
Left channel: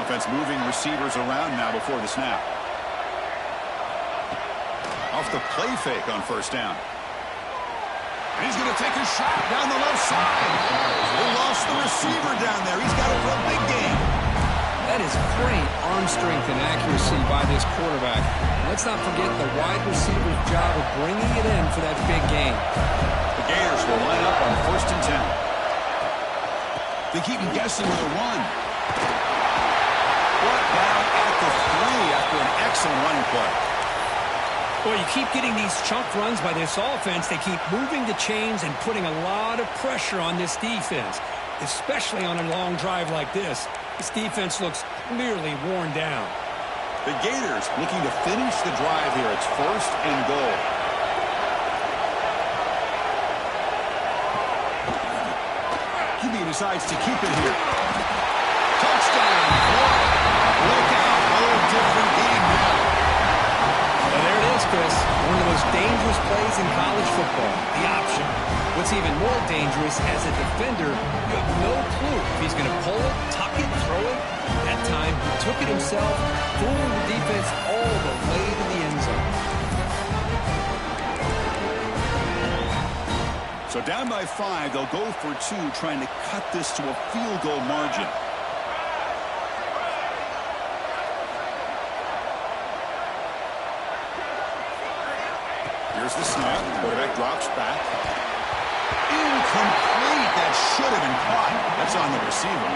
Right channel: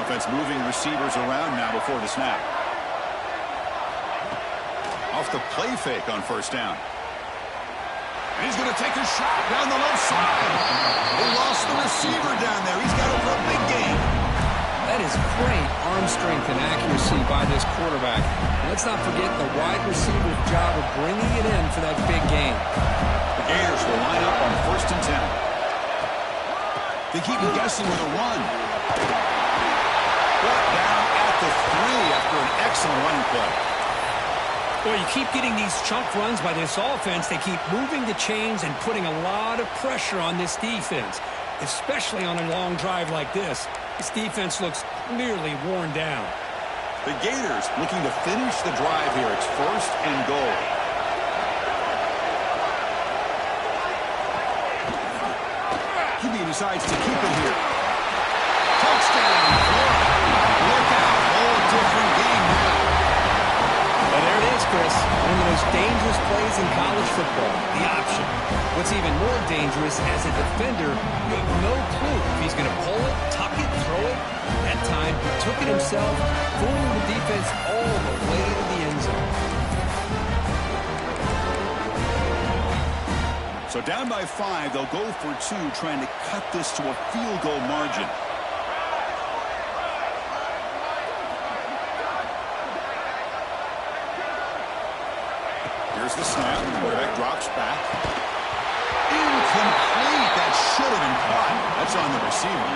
Offense moving receivers around now before the snap. Off the play fake on first down. And he's going to take a shot down the left side. They lost the receiver down there. He's got it for a big gain. That is great arm strength and accuracy by this quarterback. Let's not forget the wide receiver's job of bringing it in for that big gain. The Gators will line up on 1st and 10. They keep guessing with a run. Brought down at the 3 after an excellent running play. Well, you keep getting these chunk runs by this offense. They keep moving the chains and putting a lot of pressure on this defense, especially on a long drive like this. This defense looks clearly worn down. The Gators looking to finish the drive here. It's 1st and goal. QB decides to keep it here. Touchdown, Florida. Look out, whole different game now. Well, there it is, Chris. One of the most dangerous plays in college football, the option. What's even more dangerous, as a defender, you have no clue if he's going to pull it, tuck it, throw it. That time, he took it himself, fooling the defense all the way to the end zone. So down by 5, they'll go for 2, trying to cut this to a field goal margin. Here's the snap. Quarterback drops back. Incomplete. That should have been caught. That's on the receiver.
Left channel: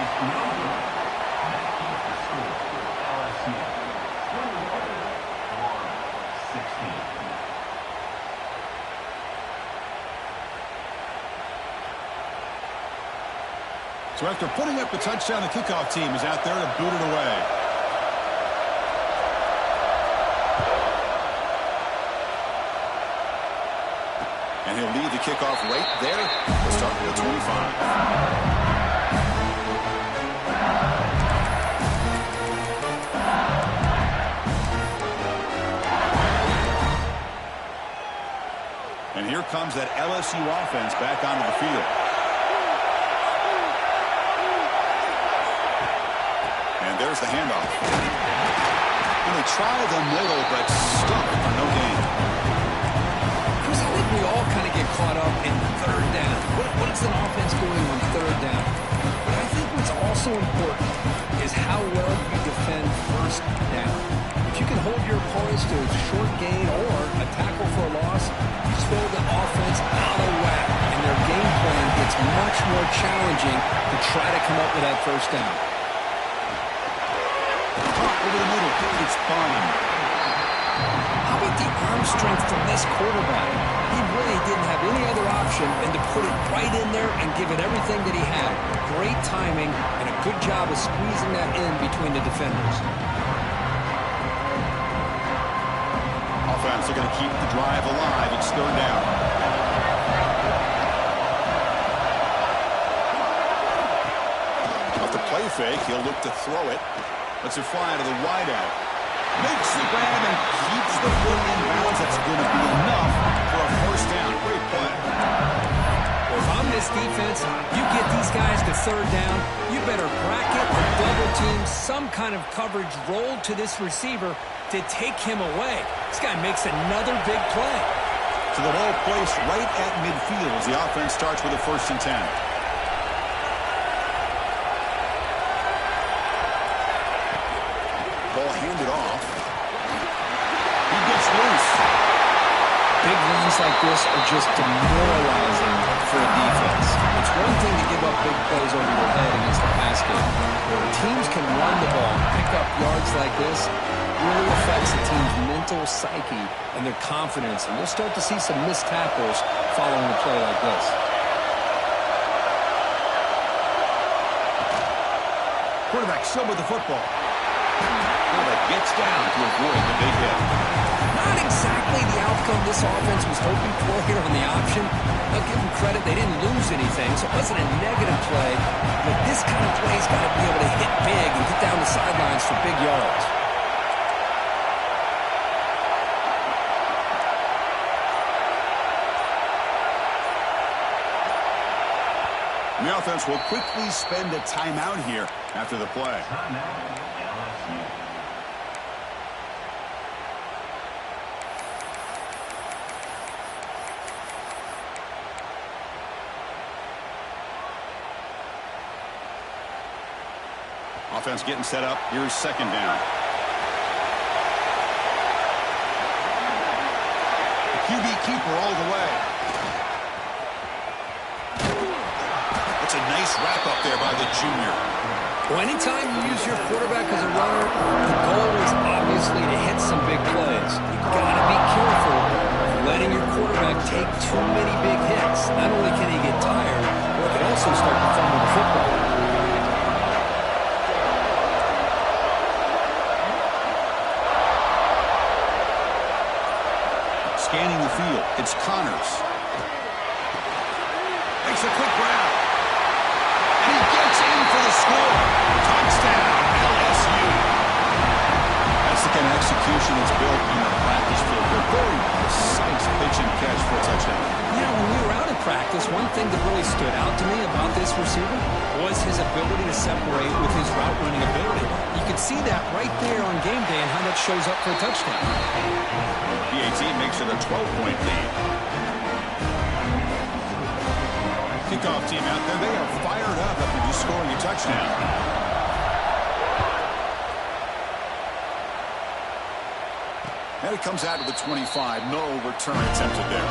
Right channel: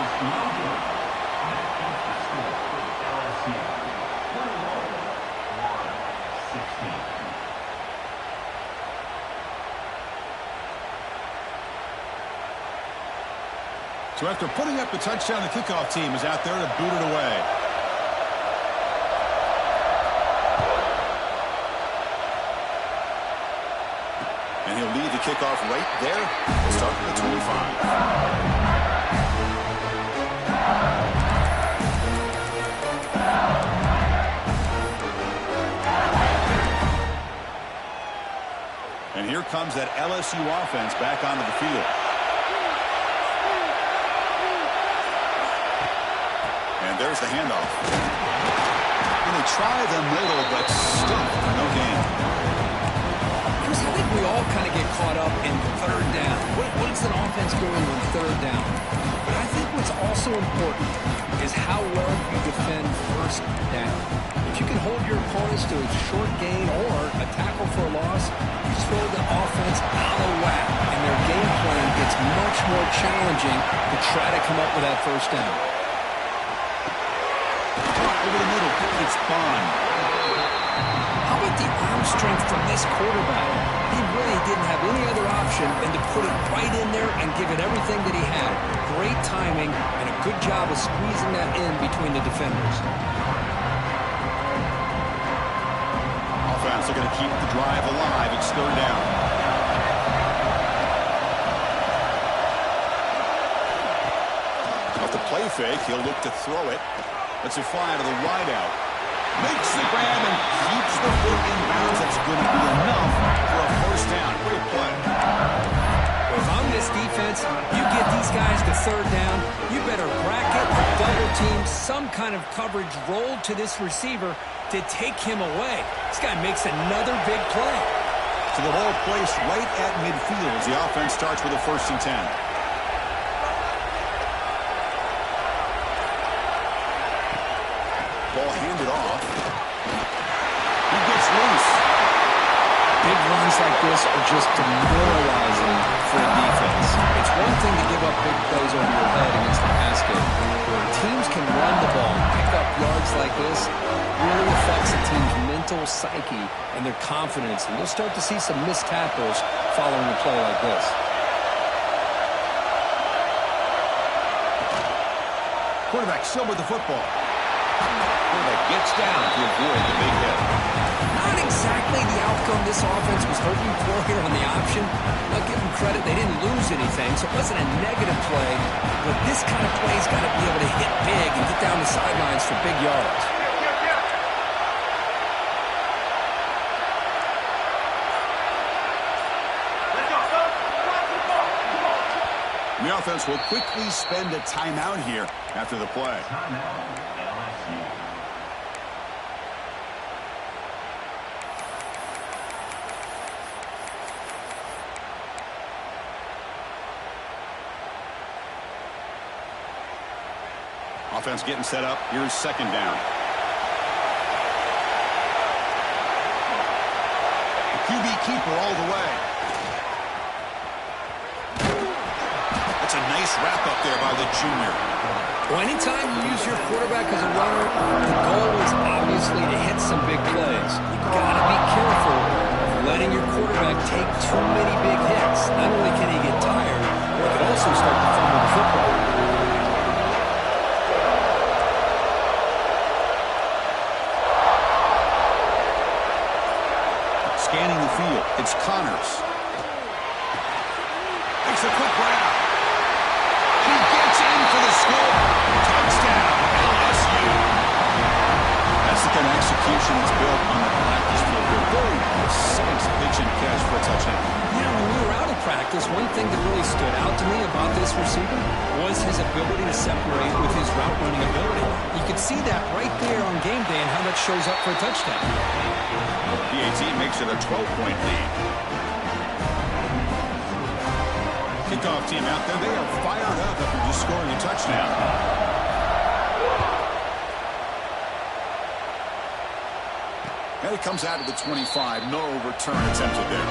So after putting up the touchdown, the kickoff team is out there to boot it away. And he'll lead the kickoff right there. We'll start at the 25. And here comes that LSU offense back onto the field. And there's the handoff. And they try the middle, but stuck for no gain. Chris, I think we all kind of get caught up in third down. What is an offense doing on third down? But I think what's also important is how well you defend first down. If you can hold your opponents to a short gain or a tackle for a loss, you throw the offense out of whack, and their game plan gets much more challenging to try to come up with that first down. Over the middle, it's Bond. How about the arm strength from this quarterback? He really didn't have any other option than to put it right in there and give it everything that he had. Great timing and a good job of squeezing that in between the defenders. Offense looking to keep the drive alive. It's third down. Off the play fake, he'll look to throw it. Lets it fly to the wideout. Makes the grab and keeps the foot in bounds. That's going to be enough for a first down. Great play. Well, if I'm this defense, you get these guys to third down, you better bracket or double team some kind of coverage rolled to this receiver to take him away. This guy makes another big play. So the ball placed right at midfield as the offense starts with a 1st and 10. Ball handed off. He gets loose. Big runs like this are just demoralizing for a defense. It's one thing to give up big plays over your head against the pass game. Where teams can run the ball and pick up yards like this really affects a team's mental psyche and their confidence. And you'll start to see some missed tackles following a play like this. Quarterback still with the football. Quarterback gets down to avoid the big hit. Not exactly the outcome this offense was hoping for here on the option. I'll give them credit. They didn't lose anything, so it wasn't a negative play. But this kind of play's got to be able to hit big and get down the sidelines for big yards. The offense will quickly spend a timeout here after the play. Offense getting set up. Here's 2nd down. The QB keeper all the way. That's a nice wrap-up there by the junior. Well, anytime you use your quarterback as a runner, the goal is obviously to hit some big plays. You've got to be careful of letting your quarterback take too many big hits. Not only can he get tired, but he can also start to fumble the football. Scanning the field, it's Connors. Makes a quick grab. And he gets in for the score. Touchdown, LSU. That's the kind of execution that's built on the practice field. A very precise pitch and catch for a touchdown. You know, when we were out at practice, one thing that really stood out to me about this receiver was his ability to separate with his route running ability. You could see that right there on game day and how that shows up for a touchdown. PAT makes it a 12-point lead. Kickoff team out there, they are fired up after just scoring a touchdown. And it comes out to the 25. No return attempted there.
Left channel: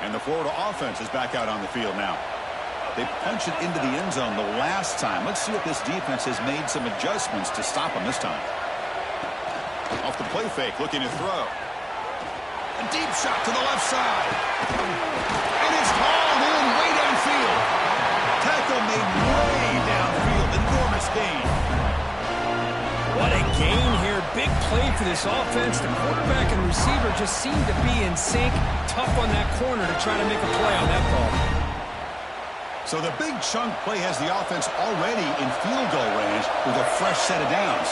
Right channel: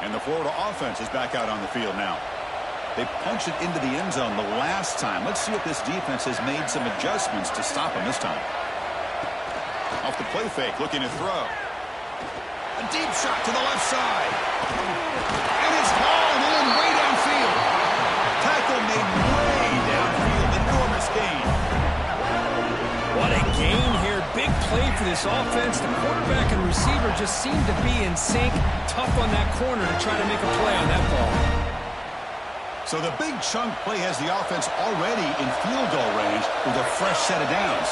And the Florida offense is back out on the field now. They punched it into the end zone the last time. Let's see if this defense has made some adjustments to stop them this time. Off the play fake, looking to throw. A deep shot to the left side. And it's hauled in way downfield. Tackle made way downfield. Enormous gain. What a gain here. Big play for this offense. The quarterback and receiver just seem to be in sync. Tough on that corner to try to make a play on that ball. So the big chunk play has the offense already in field goal range with a fresh set of downs.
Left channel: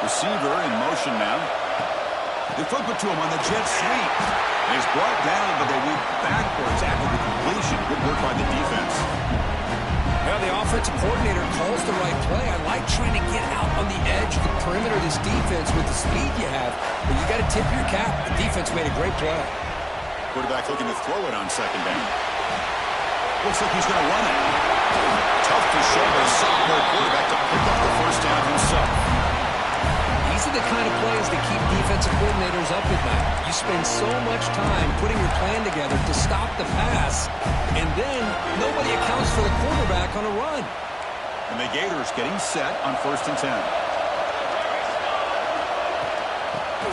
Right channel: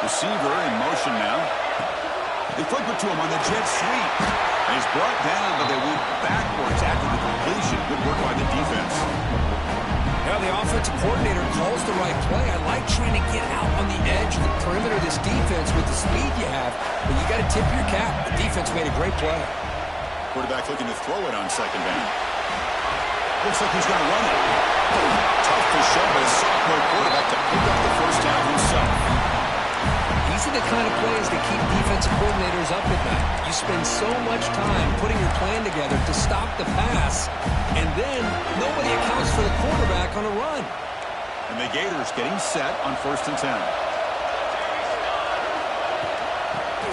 Receiver in motion now. They flip it to him on the jet sweep. And he's brought down, but they went backwards after the completion. Good work by the defense. Now the offensive coordinator calls the right play. I like trying to get out on the edge of the perimeter of this defense with the speed you have, but you got to tip your cap. The defense made a great play. Quarterback looking to throw it on second down. Looks like he's going to run it. Tough to show by a sophomore quarterback to pick up the first down himself. These are the kind of plays that keep defensive coordinators up at night. You spend so much time putting your plan together to stop the pass, and then nobody accounts for the quarterback on a run. And the Gators getting set on 1st and 10.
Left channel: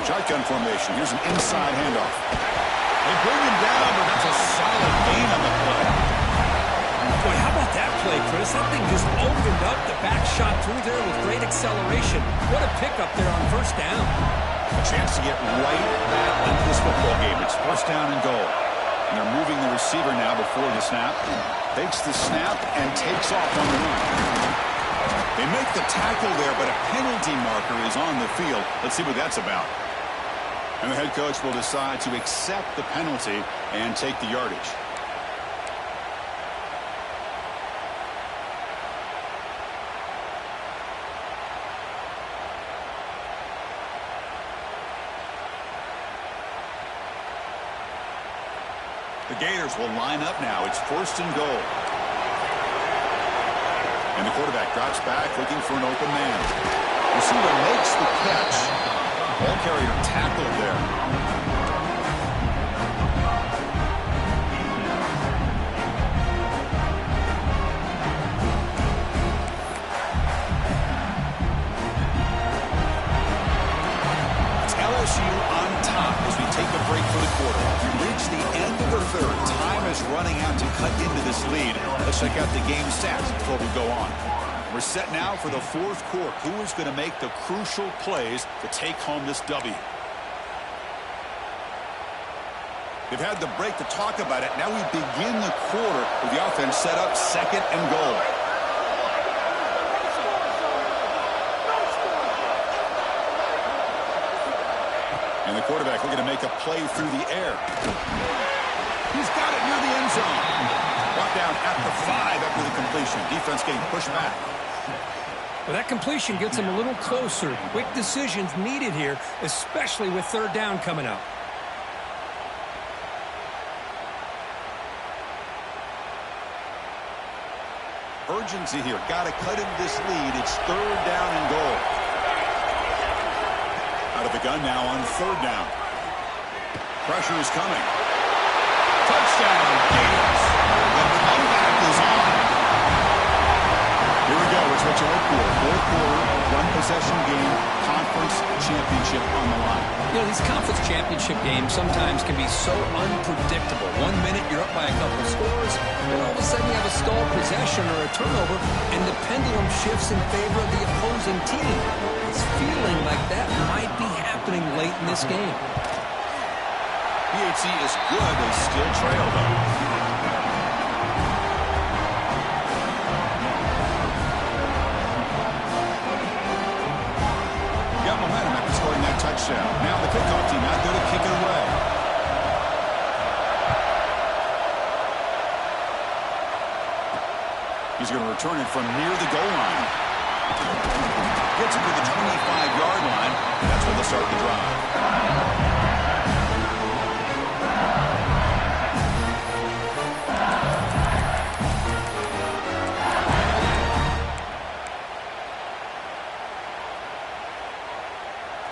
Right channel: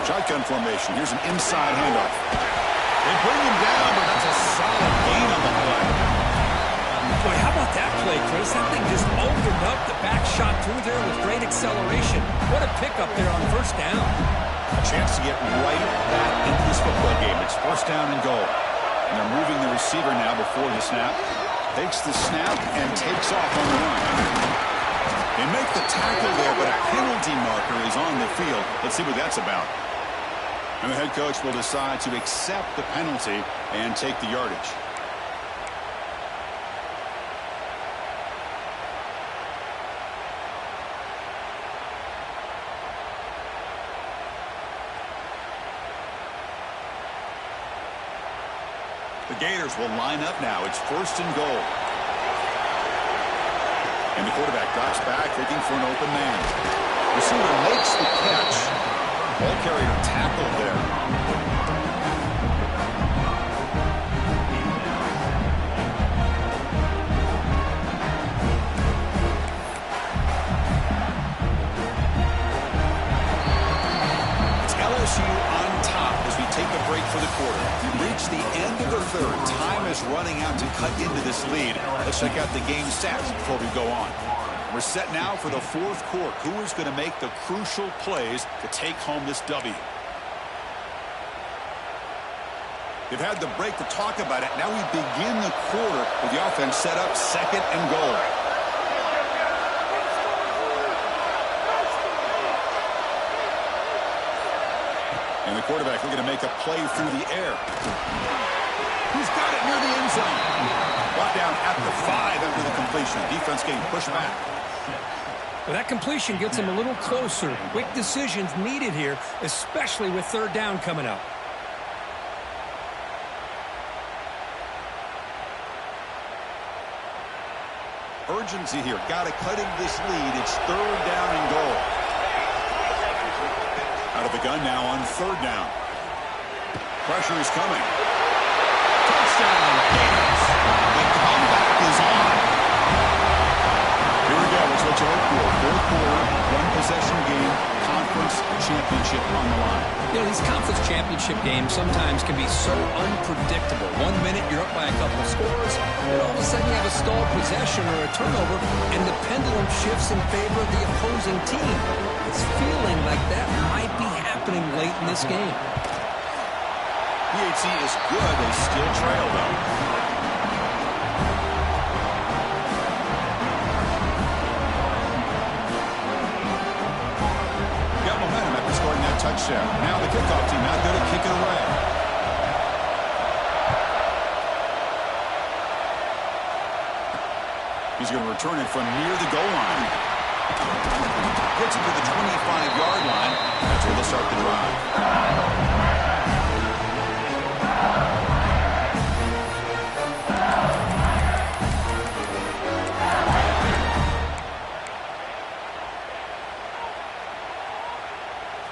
Shotgun formation. Here's an inside handoff. They bring him down, but that's a solid gain on the play. Boy, how about that play, Chris? That thing just opened up. The back shot through there with great acceleration. What a pickup there on first down. A chance to get right back into this football game. It's first down and goal. And they're moving the receiver now before the snap. Takes the snap and takes off on the run. They make the tackle there, but a penalty marker is on the field. Let's see what that's about. And the head coach will decide to accept the penalty and take the yardage. The Gators will line up now. It's 1st and goal. And the quarterback drops back looking for an open man. Receiver makes the catch. Ball carrier tackled there. LSU on top as we take a break for the quarter. We reach the end of the third. Time is running out to cut into this lead. Let's check out the game stats before we go on. We're set now for the fourth quarter. Who is going to make the crucial plays to take home this W? They've had the break to talk about it. Now we begin the quarter with the offense set up 2nd and goal. And the quarterback looking to make a play through the air. He's got it near the end zone. Brought down at the 5 after the completion. Defense getting pushed back. Well, that completion gets him a little closer. Quick decisions needed here, especially with 3rd down coming up. Urgency here. Got to cut into this lead. It's 3rd down and goal. Out of the gun now on 3rd down. Pressure is coming. Touchdown, Gators. The comeback is on. Here we go. It's what you hope for. 4th quarter, 1-possession game, conference championship on the line. You know, these conference championship games sometimes can be so unpredictable. 1 minute you're up by a couple of scores, then all of a sudden you have a stalled possession or a turnover, and the pendulum shifts in favor of the opposing team. It's feeling like that might be happening late in this game. PHC is good. They still trail, though. Got momentum after scoring that touchdown. Now the kickoff team out there to kick it away. He's going to return it from near the goal line. Gets it to the 25-yard line. That's where they'll start the drive.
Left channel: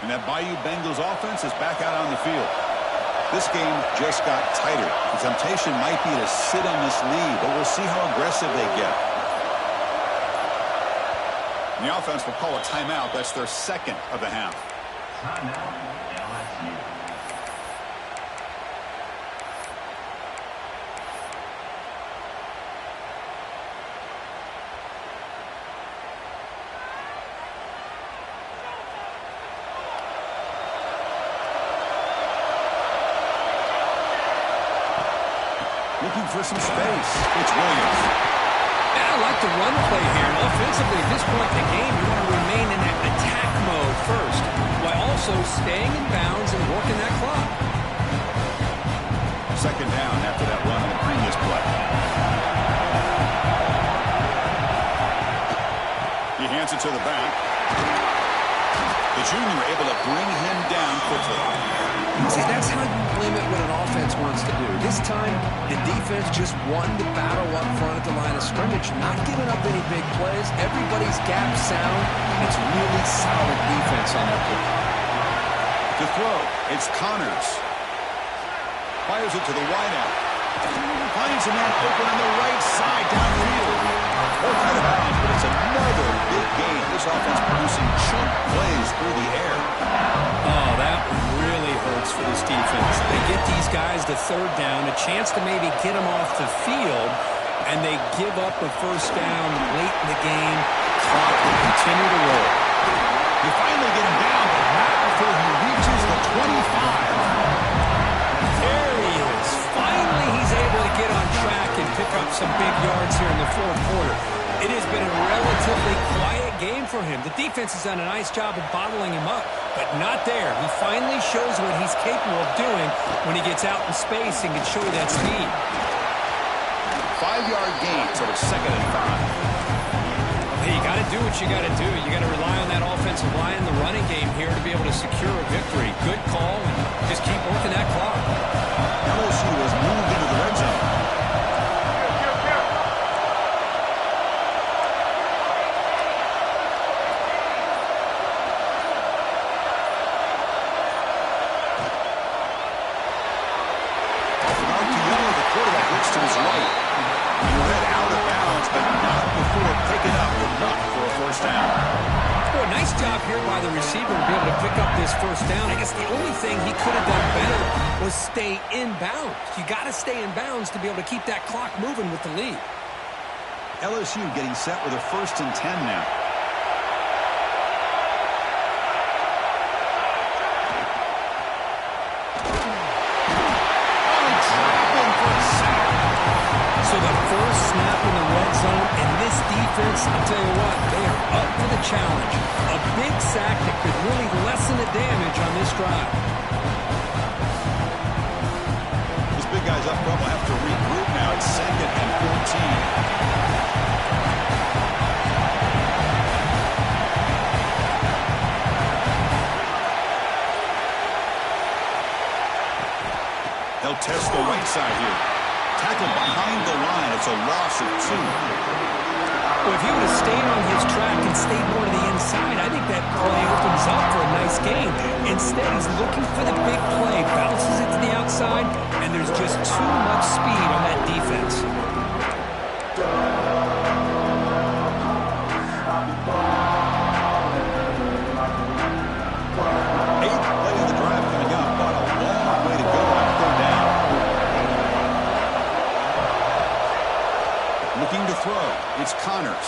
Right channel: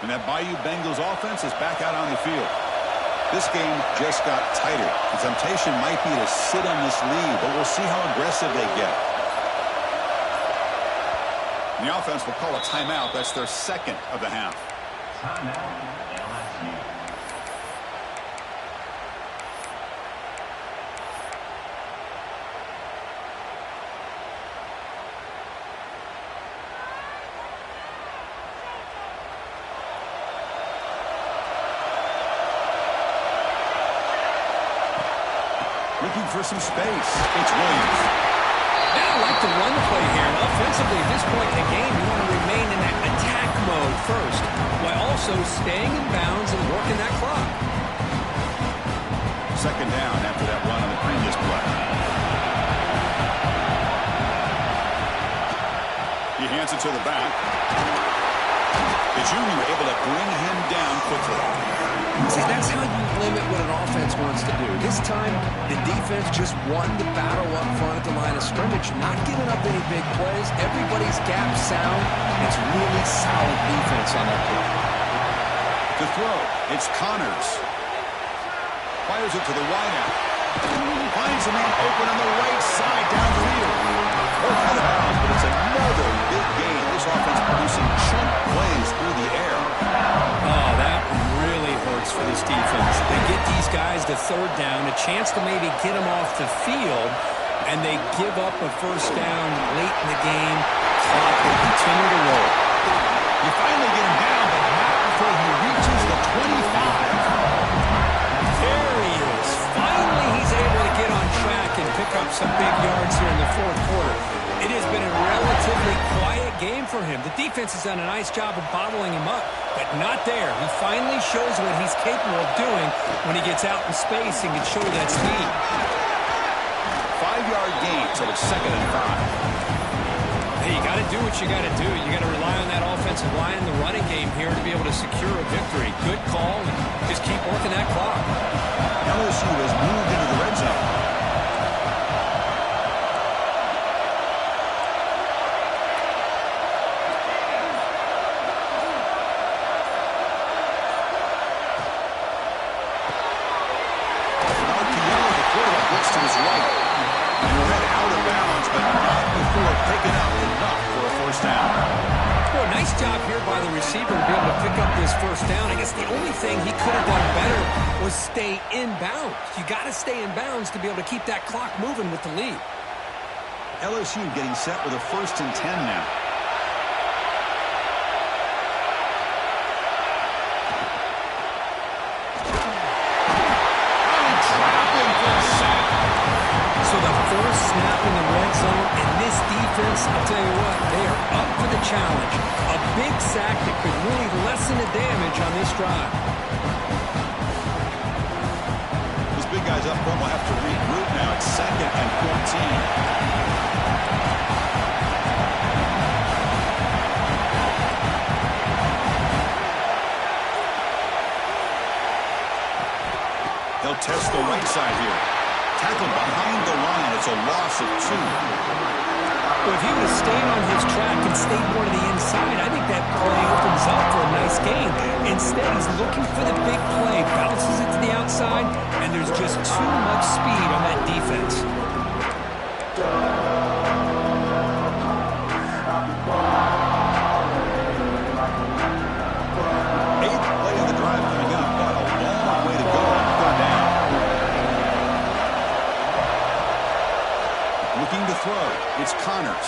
And that Bayou Bengals offense is back out on the field. This game just got tighter. The temptation might be to sit on this lead, but we'll see how aggressive they get. And the offense will call a timeout. That's their second of the half. Timeout, LSU. Looking for some space. It's Williams. Yeah, I like the run play here. And offensively, at this point in the game, you want to remain in that attack mode first, while also staying in bounds and working that clock. Second down after that run on the previous play. He hands it to the back. The junior able to bring him down quickly. See, that's how you limit what an offense wants to do. This time, the defense just won the battle up front at the line of scrimmage, not giving up any big plays. Everybody's gap sound. It's really solid defense on that play. To throw, it's Connors. Fires it to the wideout. Finds a man open on the right side downfield. Both out of bounds, but it's another big game. This offense producing chunk plays through the air. Oh, that really hurts for this defense. They get these guys to third down, a chance to maybe get them off the field, and they give up a first down late in the game. Clock will continue to roll. You finally get him down, but not before he reaches the 25. There he is. Finally, he's able to get on track and pick up some big yards here in the fourth quarter. It has been a relatively quiet game for him. The defense has done a nice job of bottling him up, but not there. He finally shows what he's capable of doing when he gets out in space and can show you that speed. 5-yard gain, so it's 2nd and 5. Hey, you got to do what you got to do. You got to rely on that offensive line in the running game here to be able to secure a victory. Good call, and just keep working that clock. LSU has moved into the red zone. To his right. And we're head out of bounds, but not before picking up enough for a first down. Boy, nice job here by the receiver to be able to pick up this first down. I guess the only thing he could have done better was stay in bounds. You got to stay in bounds to be able to keep that clock moving with the lead. LSU getting set with a 1st and 10 now. So the first snap in the red zone, and this defense, I'll tell you what, they are up for the challenge. A big sack that could really lessen the damage on this drive. Those big guys up front will have to regroup now. It's 2nd and 14. They'll test the right side here. Tackled behind the line. It's a loss of 2. Well, if he would have stayed on his track and stayed more to the inside, I think that play opens up for a nice game. Instead, he's looking for the big play, bounces it to the outside, and there's just too much speed on that defense. 8th play of the drive coming up, but a long way to go on 3rd down. Looking to throw. It's Connors.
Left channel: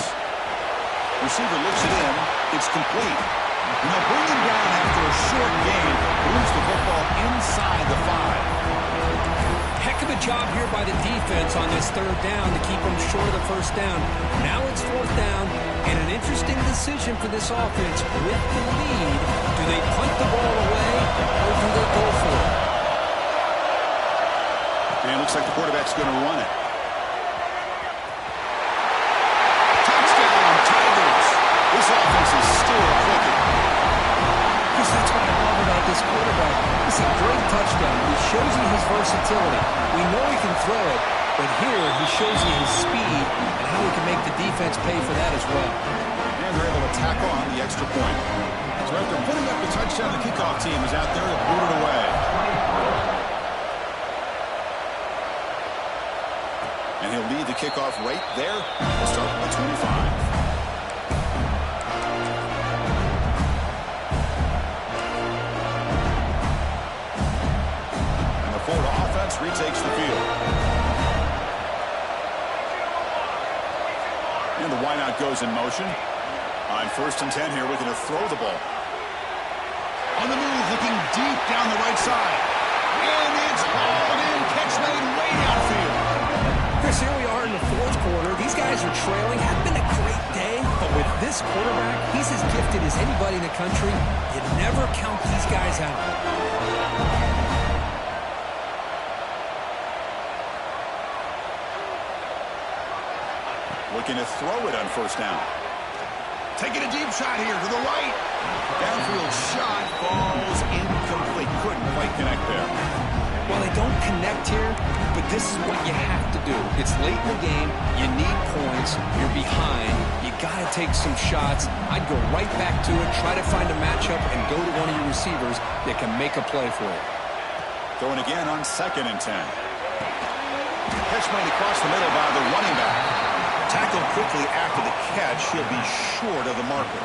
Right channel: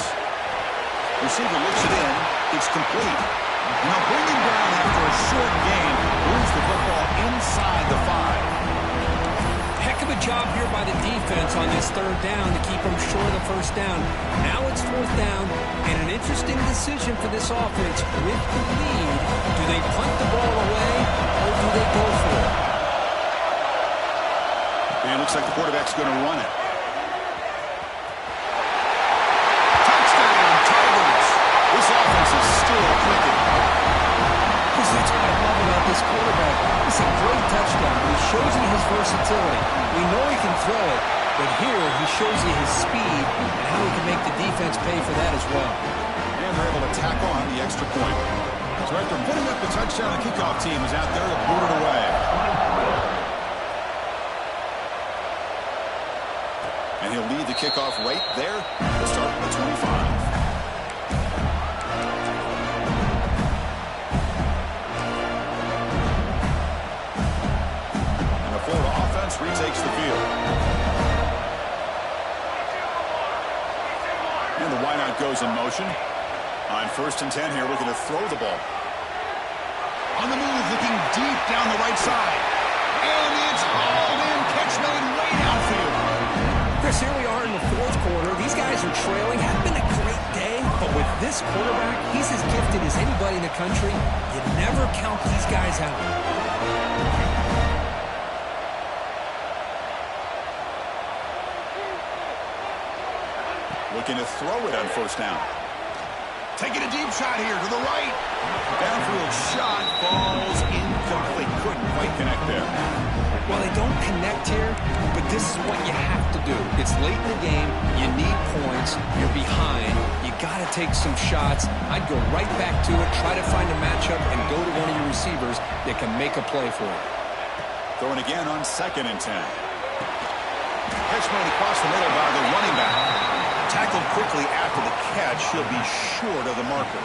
Receiver looks it in. It's complete. And they'll bring him down after a short gain. Moves the football inside the 5. Heck of a job here by the defense on this 3rd down to keep them short of the first down. Now it's 4th down, and an interesting decision for this offense. With the lead, do they punt the ball away, or do they go for it? And it looks like the quarterback's going to run it. This offense is still clicking. Because that's what I love about this quarterback. It's a great touchdown. He shows you his versatility. We know he can throw it, but here he shows you his speed and how he can make the defense pay for that as well. And they're able to tack on the extra point. So after putting up the touchdown, the kickoff team is out there to boot it away. And he'll lead the kickoff right there. We'll start from the 25. And the Florida offense retakes the field. And the wideout goes in motion. On 1st and 10 here, looking to throw the ball. On the move, looking deep down the right side. And it's hauled in. Catch made way downfield. Chris, here we are in the 4th quarter. These guys are trailing. Hadn't been a great day, but with this quarterback, he's as gifted as anybody in the country. You never count these guys out. Looking to throw it on 1st down. Taking a deep shot here to the right. Downfield shot falls incomplete. Couldn't quite connect there. Well, they don't connect here, but this is what you have to do. It's late in the game. You need points. You're behind. You got to take some shots. I'd go right back to it, try to find a matchup, and go to one of your receivers that can make a play for you. Throwing again on 2nd and 10. Catch made across the middle by the running back. Tackled quickly after the catch. He'll be short of the marker.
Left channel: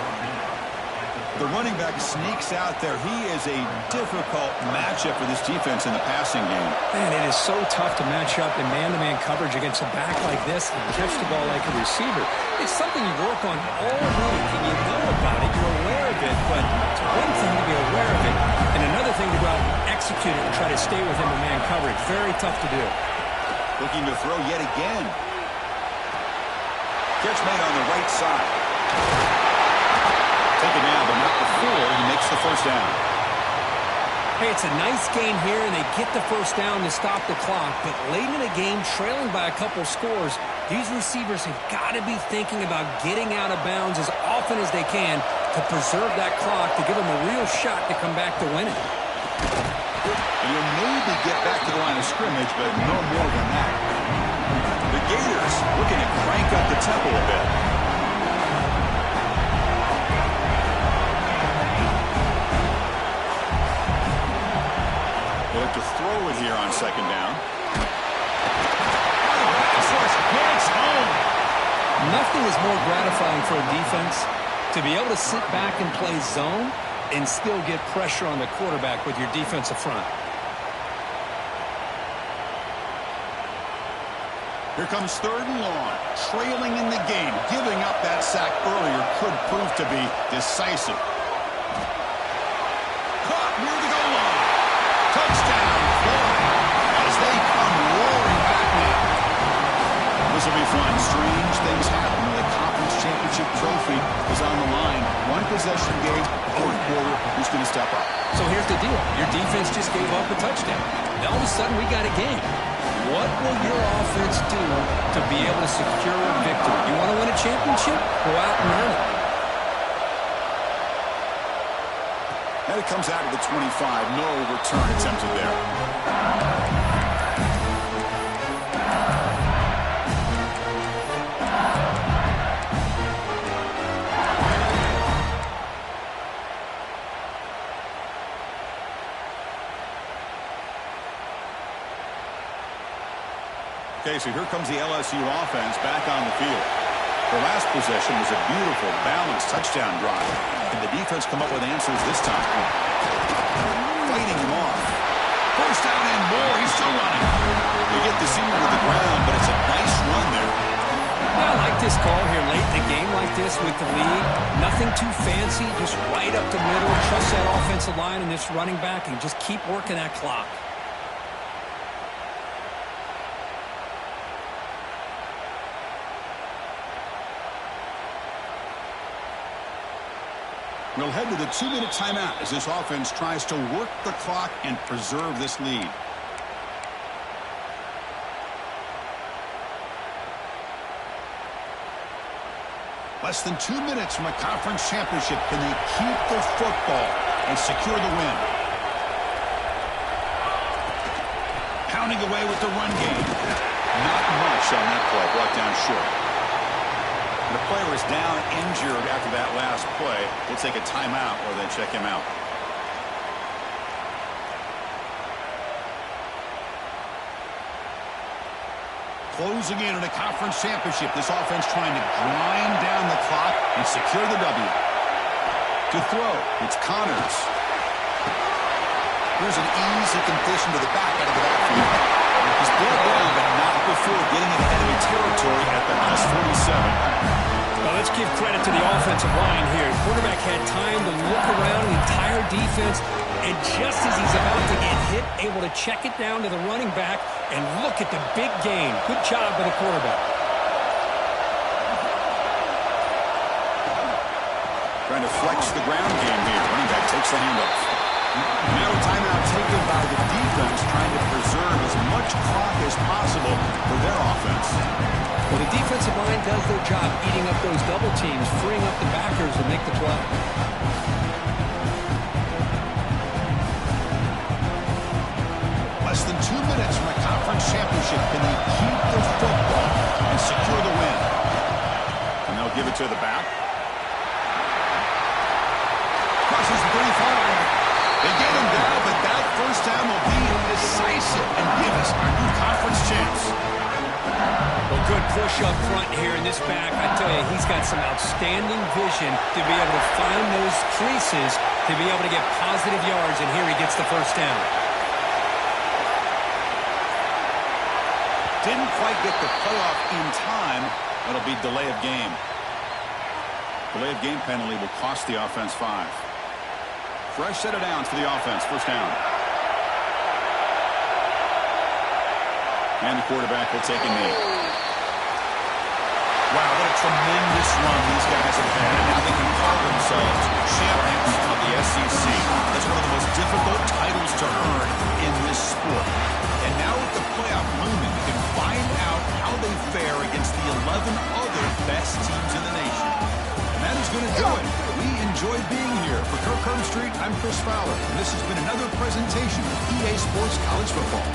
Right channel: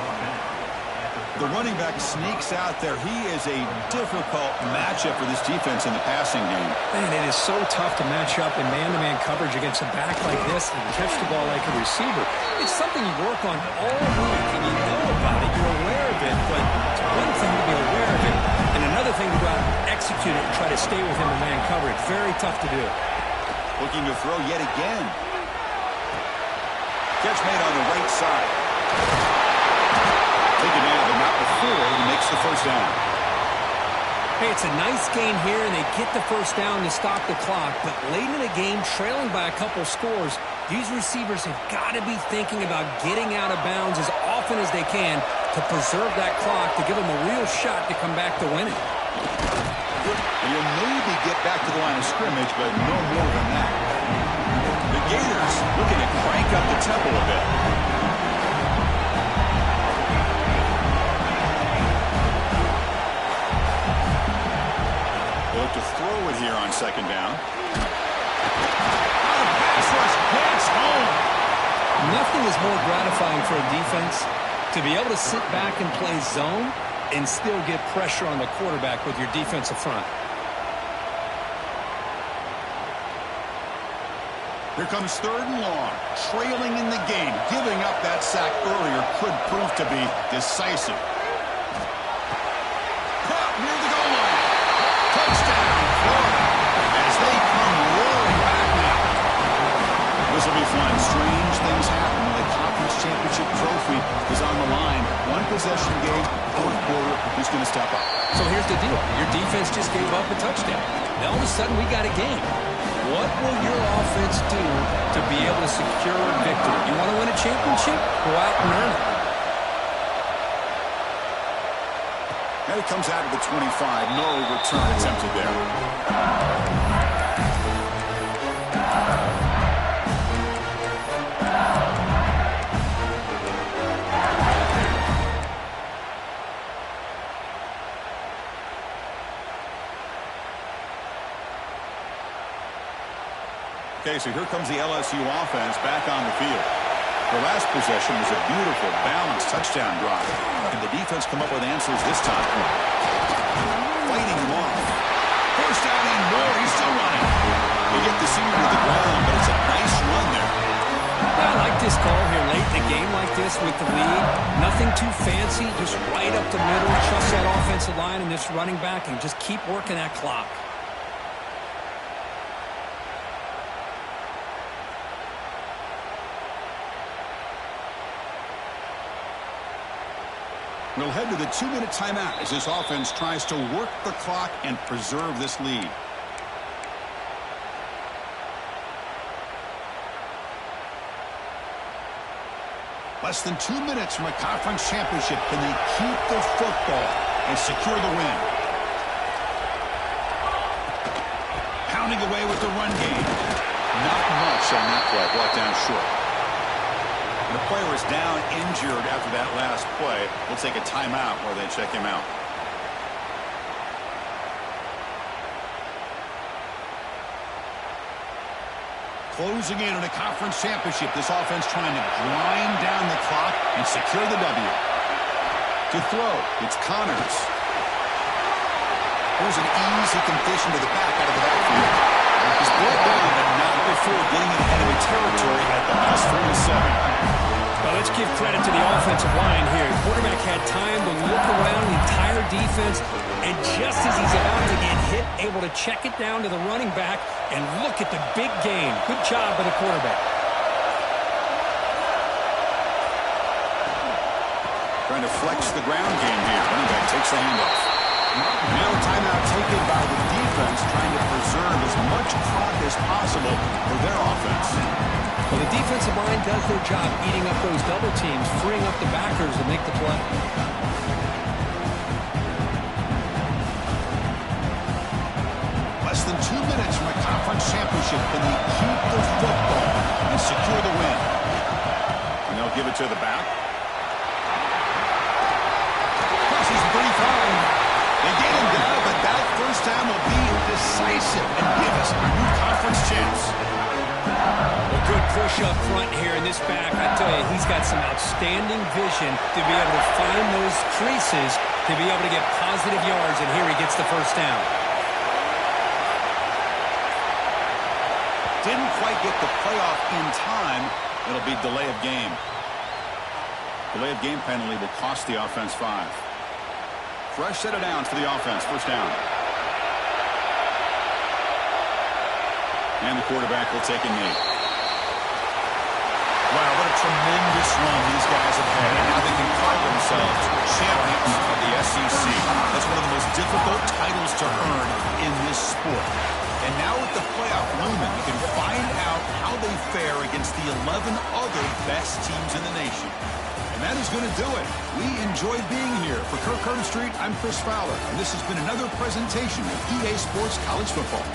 The running back sneaks out there. He is a difficult matchup for this defense in the passing game. Man, it is so tough to match up in man-to-man coverage against a back like this and catch the ball like a receiver. It's something you work on all week, and you know about it. You're aware of it, but it's one thing to be aware of it, and another thing to go out and execute it and try to stay within the man coverage. Very tough to do. Looking to throw yet again. Catch made on the right side. Taken down, but not before he makes the 1st down. Hey, it's a nice game here, and they get the 1st down to stop the clock. But late in the game, trailing by a couple scores, these receivers have got to be thinking about getting out of bounds as often as they can to preserve that clock, to give them a real shot to come back to win it. And you'll maybe get back to the line of scrimmage, but no more than that. The Gators looking to crank up the tempo a bit. They look to throw it here on 2nd down. Oh, the pass rush gets home. Nothing is more gratifying for a defense to be able to sit back and play zone and still get pressure on the quarterback with your defensive front. Here comes 3rd and long. Trailing in the game. Giving up that sack earlier could prove to be decisive. Caught near the goal line. Touchdown, Florida, as they come roaring back now. This will be fun. Strange things happen when the conference championship trophy is on the line. One possession game, 4th quarter, who's going to step up? So here's the deal. Your defense just gave up a touchdown. Now all of a sudden we got a game. What will your offense do to be able to secure a victory? You want to win a championship? Go out and earn it. And it comes out of the 25. No return attempted there. Okay, so here comes the LSU offense back on the field. Their last possession was a beautiful, balanced touchdown drive. Can the defense come up with answers this time? Fighting them off. 1st down and more. He's still running. They get the senior to the ground, but it's a nice run there. I like this call here late in the game like this with the lead. Nothing too fancy, just right up the middle. Trust that offensive line and this running back and just keep working that clock. We'll head to the 2-minute timeout as this offense tries to work the clock and preserve this lead. Less than 2 minutes from a conference championship. Can they keep the football and secure the win? Pounding away with the run game. Not much on that play. Brought down short. And a player is down injured after that last play. We'll take a timeout while they check him out. Closing in on a conference championship, this offense trying to grind down the clock and secure the W. To throw, it's Connors. Here's an easy completion to the back out of the backfield. He's brought down, but not before getting into enemy territory at the plus 47. Well, let's give credit to the offensive line here. The quarterback had time to look around the entire defense, and just as he's about to get hit, able to check it down to the running back, and look at the big gain. Good job by the quarterback. Trying to flex the ground game here. Running back takes the handoff. Now a timeout taken by the defense, trying to preserve as much clock as possible for their offense. Well, the defensive line does their job eating up those double teams, freeing up the backers to make the play. Less than 2 minutes from a conference championship. Can they keep the football and secure the win? And they'll give it to the back. Crosses the 35. They get him down, but that first down will be decisive and give us our new conference chance. Well, good push up front here in this back. I tell you, he's got some outstanding vision to be able to find those creases to be able to get positive yards, and here he gets the first down. Didn't quite get the playoff in time. It'll be delay of game. Delay of game penalty will cost the offense 5. Fresh set of downs for the offense. First down. And the quarterback will take a knee. Wow, what a tremendous run these guys have had. And now they can call themselves champions of the SEC. That's one of the most difficult titles to earn in this sport. And now with the playoff looming, we can find out how they fare against the 11 other best teams in the nation. And that is going to do it. We enjoyed being here. For Kirk Herbstreit, I'm Chris Fowler. And this has been another presentation of EA Sports College Football.